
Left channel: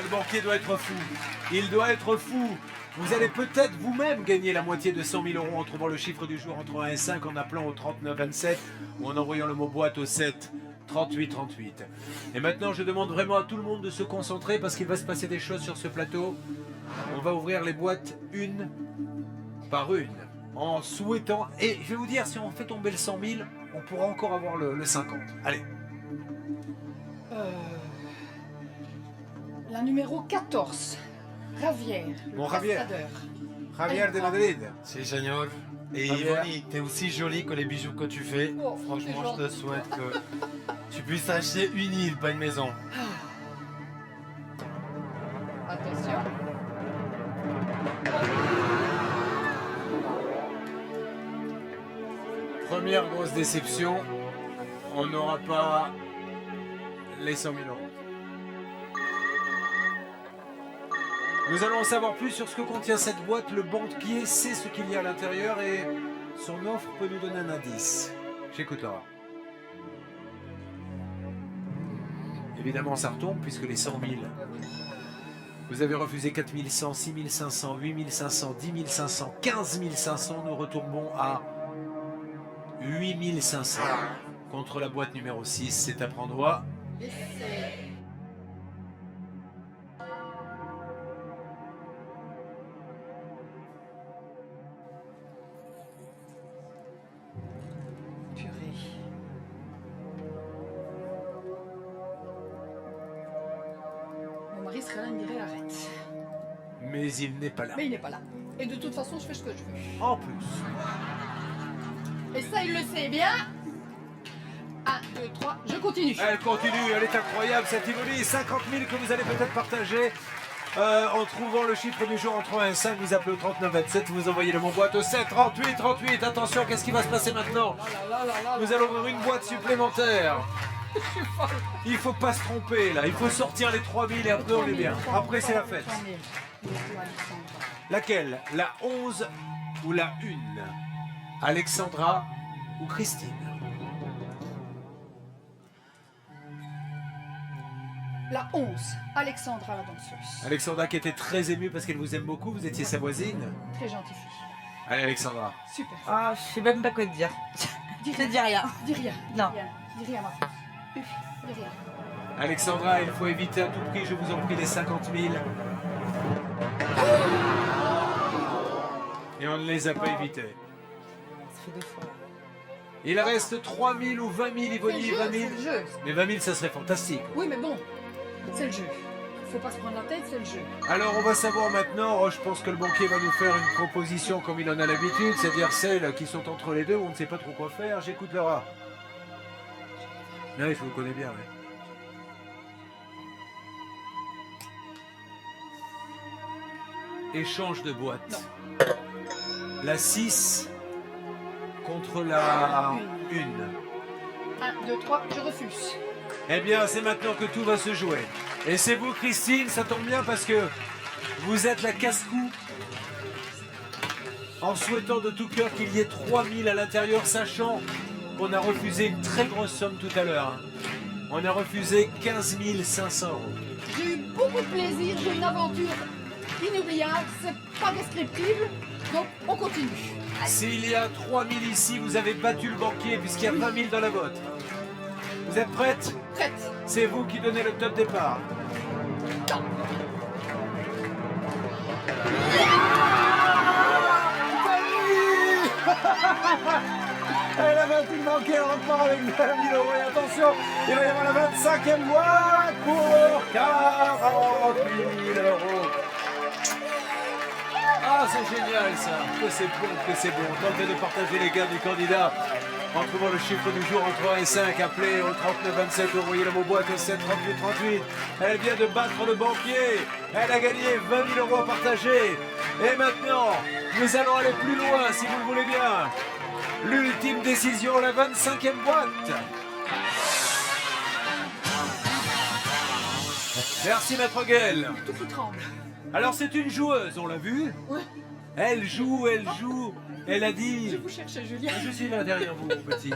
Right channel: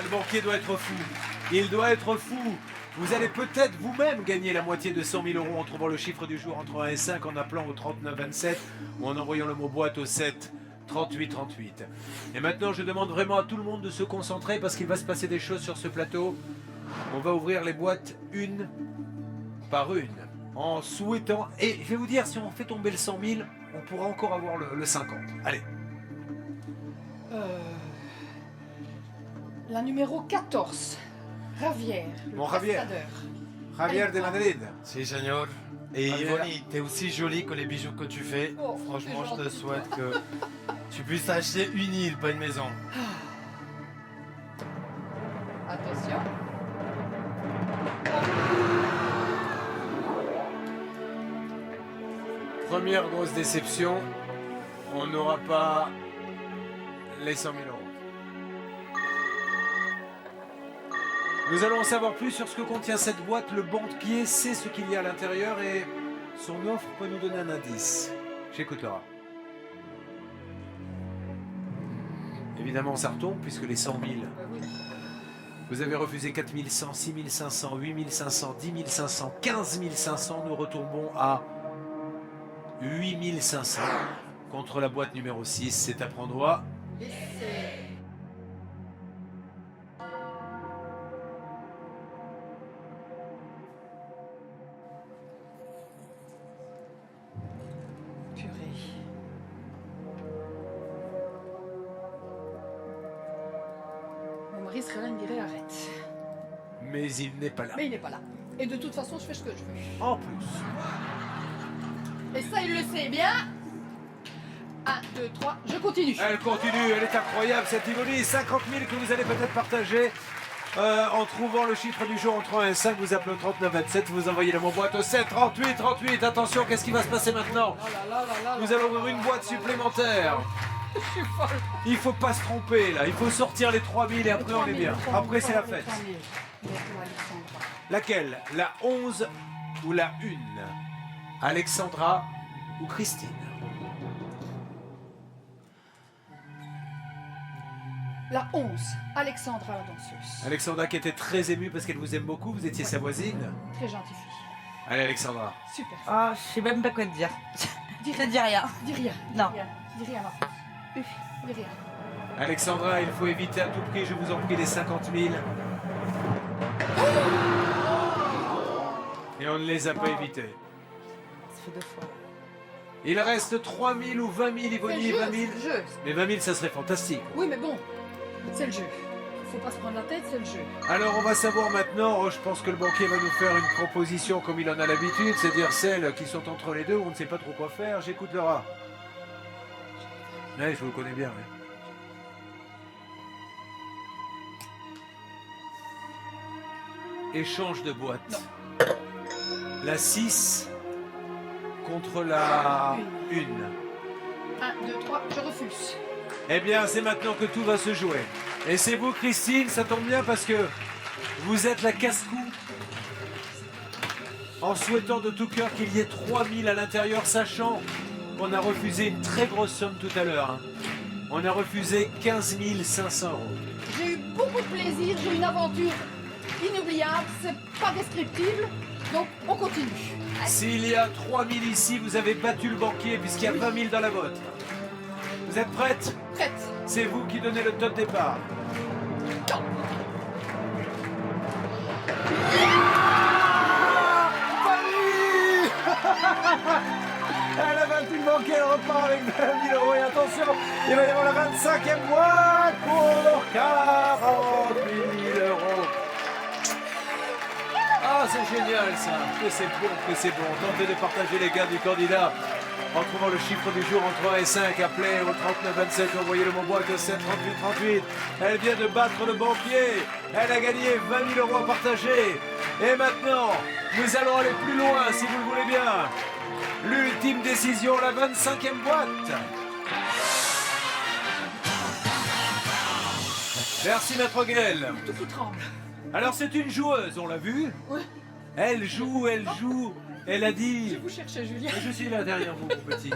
Le banquier doit être fou. Il doit être fou. Vous allez peut-être vous-même gagner la moitié de 100 000 € en trouvant le chiffre du jour entre 1 et 5 en appelant au 39 27 ou en envoyant le mot boîte au 7 38 38. Et maintenant, je demande vraiment à tout le monde de se concentrer parce qu'il va se passer des choses sur ce plateau. On va ouvrir les boîtes une par une en souhaitant... Et je vais vous dire, si on fait tomber le 100 000, on pourra encore avoir le 50. Allez. La numéro 14. Javier. Bon, Javier. Cascadeur. Javier Allez, de on Madrid. Si, señor. Et Javier. Yvonnie, t'es aussi jolie que les bijoux que tu fais. Oh, Franchement, c'est je te gentil, souhaite toi. que tu puisses acheter une île, pas une maison. Attention. Première grosse déception, on n'aura pas les 100 000 €. Nous allons en savoir plus sur ce que contient cette boîte. Le banquier sait ce qu'il y a à l'intérieur et son offre peut nous donner un indice. J'écoute Laura. Évidemment, ça retombe puisque les 100 000... Vous avez refusé 4 100, 6 500, 8 500, 10 500, 15 500. Nous retombons à 8 500 contre la boîte numéro 6. C'est à prendre à... Purée. Mon mari serait là, il me dirait arrête. Mais il n'est pas là. Mais il n'est pas là. Et de toute façon, je fais ce que je veux. En plus. Et ça, il le sait bien. 1, 2, 3, je continue. Elle continue, elle est incroyable cette Yvonnie. 50 000 que vous allez peut-être partager en trouvant le chiffre du jour entre 1 et 5. Vous appelez au 39 27, vous envoyez le mot boîte au 7 38 38. Attention, qu'est-ce qui va se passer maintenant? Nous allons ouvrir une boîte supplémentaire. Je suis folle. Il faut pas se tromper là, il faut sortir les 3 000 et après on est bien. Après c'est la fête. Laquelle? La 11 ou la 1? Alexandra ou Christine? La 11, Alexandra la danseuse. Alexandra qui était très émue parce qu'elle vous aime beaucoup, vous étiez sa voisine. Très gentille fille. Allez Alexandra. Super. Ah, je sais même pas quoi te dire. Dis Je dis rien. Dis rien. Non. Dis rien. Dis rien, ma France. Dis rien. Alexandra, il faut éviter à tout prix, je vous en prie, les 50 000. Et on ne les a pas évités. Ça fait 2 fois. Il reste 3 000 ou 20 000, Yvonnie, 20 000. C'est le jeu. Mais 20 000, ça serait fantastique. Oui, mais bon, c'est le jeu. Faut pas se prendre la tête, c'est le jeu. Alors on va savoir maintenant, je pense que le banquier va nous faire une proposition comme il en a l'habitude, c'est-à-dire celles qui sont entre les deux où on ne sait pas trop quoi faire. J'écoute Laura. Oui, je vous connais bien, oui. Échange de boîte. Non. La 6 contre la 1. 1, 2, 3, je refuse. Eh bien, c'est maintenant que tout va se jouer. Et c'est vous, Christine, ça tombe bien parce que vous êtes la casse-cou. En souhaitant de tout cœur qu'il y ait 3 000 à l'intérieur, sachant qu'on a refusé une très grosse somme tout à l'heure. Hein. On a refusé 15 500 €. J'ai eu beaucoup de plaisir, j'ai eu une aventure inoubliable, c'est pas descriptible, donc on continue. S'il y a 3 000 ici, vous avez battu le banquier puisqu'il y a 20 000 dans la vôtre. Vous êtes prête? Prête. C'est vous qui donnez le top départ. Fanny Elle a battu le banquier, elle repart avec 20 000 euros. Et attention, il va y avoir la 25e boîte pour 48 000 euros. Ah, c'est génial ça. Que c'est bon, que c'est bon. Tentez de partager les gains du candidat en trouvant le chiffre du jour entre 1 et 5. Appelez au 39 27, envoyez le mot boîte au 7 38 38. Elle vient de battre le banquier. Elle a gagné 20 000 euros à partager. Et maintenant, nous allons aller plus loin si vous le voulez bien. L'ultime décision, la 25e boîte. Merci Maître Guel. Tout qui tremble. Alors c'est une joueuse, on l'a vu. Oui. Elle joue, elle a dit... Je vous cherchais, Julien. Je suis là derrière vous, petit.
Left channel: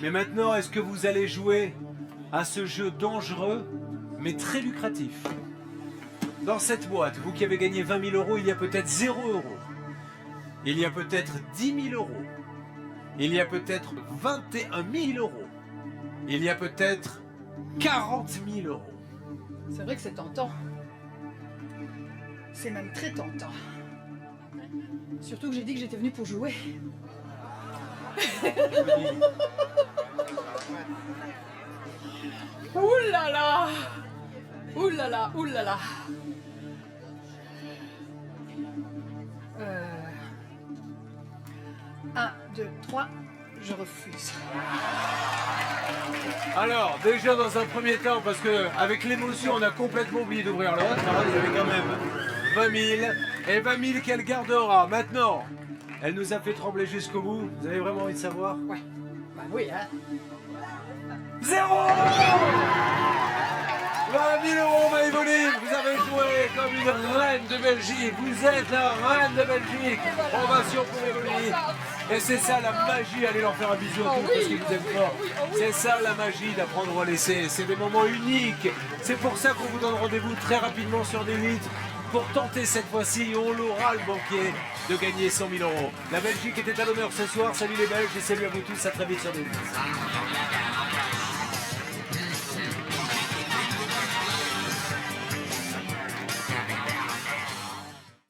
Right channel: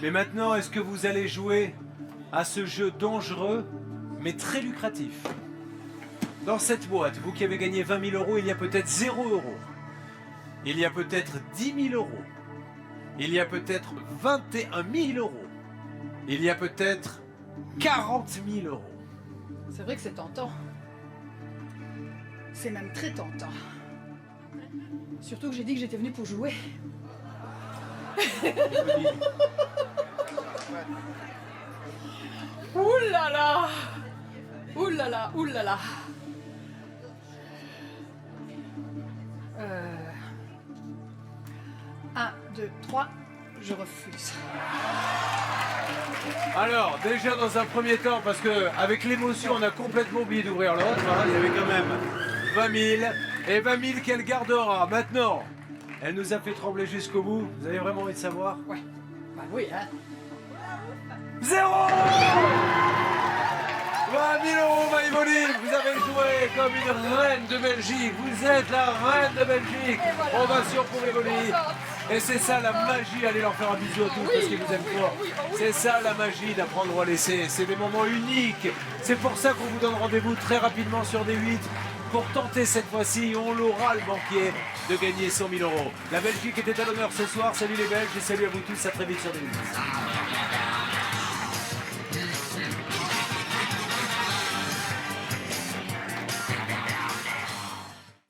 Mais maintenant, est-ce que vous allez jouer à ce jeu dangereux, mais très lucratif? Dans cette boîte, vous qui avez gagné 20 000 euros, il y a peut-être 0 euros. Il y a peut-être 10 000 euros. Il y a peut-être 21 000 euros. Il y a peut-être 40 000 euros. C'est vrai que c'est tentant. C'est même très tentant. Surtout que j'ai dit que j'étais venue pour jouer. Ouh là là! Ouh là là, ouh là là! 1, 2, 3, je refuse. Alors, déjà dans un premier temps, parce qu'avec l'émotion, on a complètement oublié d'ouvrir l'autre. Hein, il y avait quand même 20 000. Et 20 000 qu'elle gardera. Maintenant, elle nous a fait trembler jusqu'au bout. Vous avez vraiment envie de savoir? Oui. Bah oui, hein. 0 20 000 euros, Maïvoni. Vous avez joué comme une reine de Belgique. Vous êtes la reine de Belgique. Voilà. Ovation pour Maïvoni. Et c'est ça la magie. Allez leur faire un bisou à tous parce qu'ils vous aiment fort. C'est ça la magie d'apprendre ou à laisser. C'est des moments uniques. C'est pour ça qu'on vous donne rendez-vous très rapidement sur D8 pour tenter cette fois-ci, on l'aura le banquier, de gagner 100 000 euros. La Belgique était à l'honneur ce soir. Salut les Belges et salut à vous tous. À très vite sur D8.